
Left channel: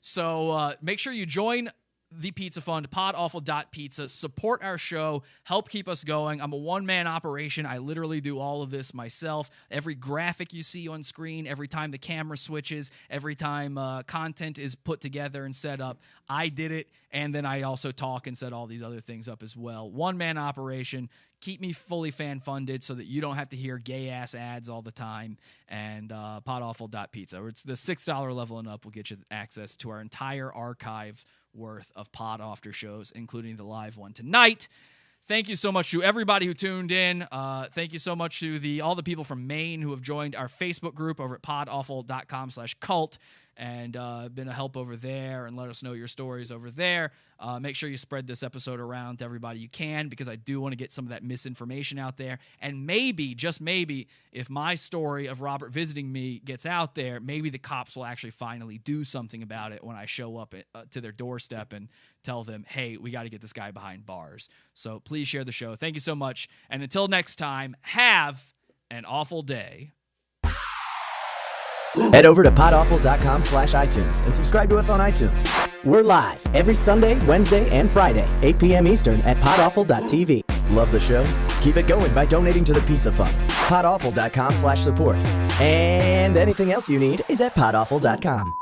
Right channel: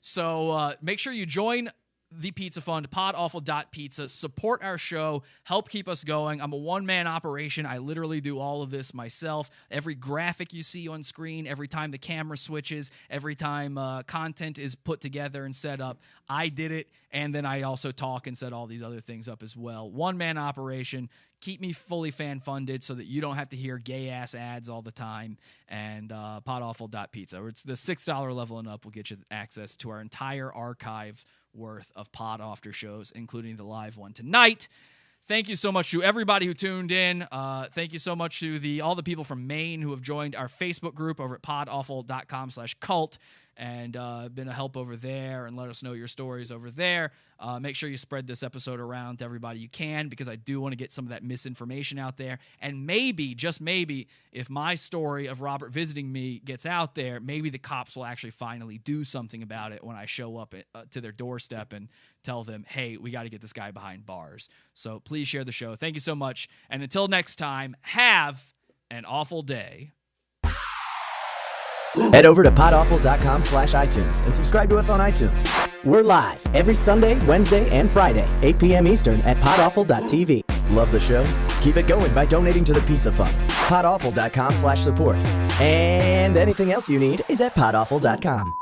So make sure you join the Pizza Fund, podawful.pizza. Support our show. Help keep us going. I'm a one-man operation. I literally do all of this myself. Every graphic you see on screen, every time the camera switches, every time content is put together and set up, I did it, and then I also talk and set all these other things up as well. One-man operation. Keep me fully fan-funded so that you don't have to hear gay-ass ads all the time. And podawful.pizza. It's the $6 level and up will get you access to our entire archive worth of pod after shows, including the live one tonight. Thank you so much to everybody who tuned in. Thank you so much to all the people from Maine who have joined our Facebook group over at podawful.com/cult and been a help over there and let us know your stories over there. Make sure you spread this episode around to everybody you can, because I do want to get some of that misinformation out there. And maybe, just maybe, if my story of Robert visiting me gets out there, maybe the cops will actually finally do something about it when I show up to their doorstep and tell them, hey, we got to get this guy behind bars. So please share the show. Thank you so much. And until next time, have an awful day. Head over to podawful.com/iTunes and subscribe to us on iTunes. We're live every Sunday, Wednesday, and Friday, 8 p.m. Eastern at podawful.tv. Love the show? Keep it going by donating to the Pizza Fund. podawful.com/support. And anything else you need is at podawful.com.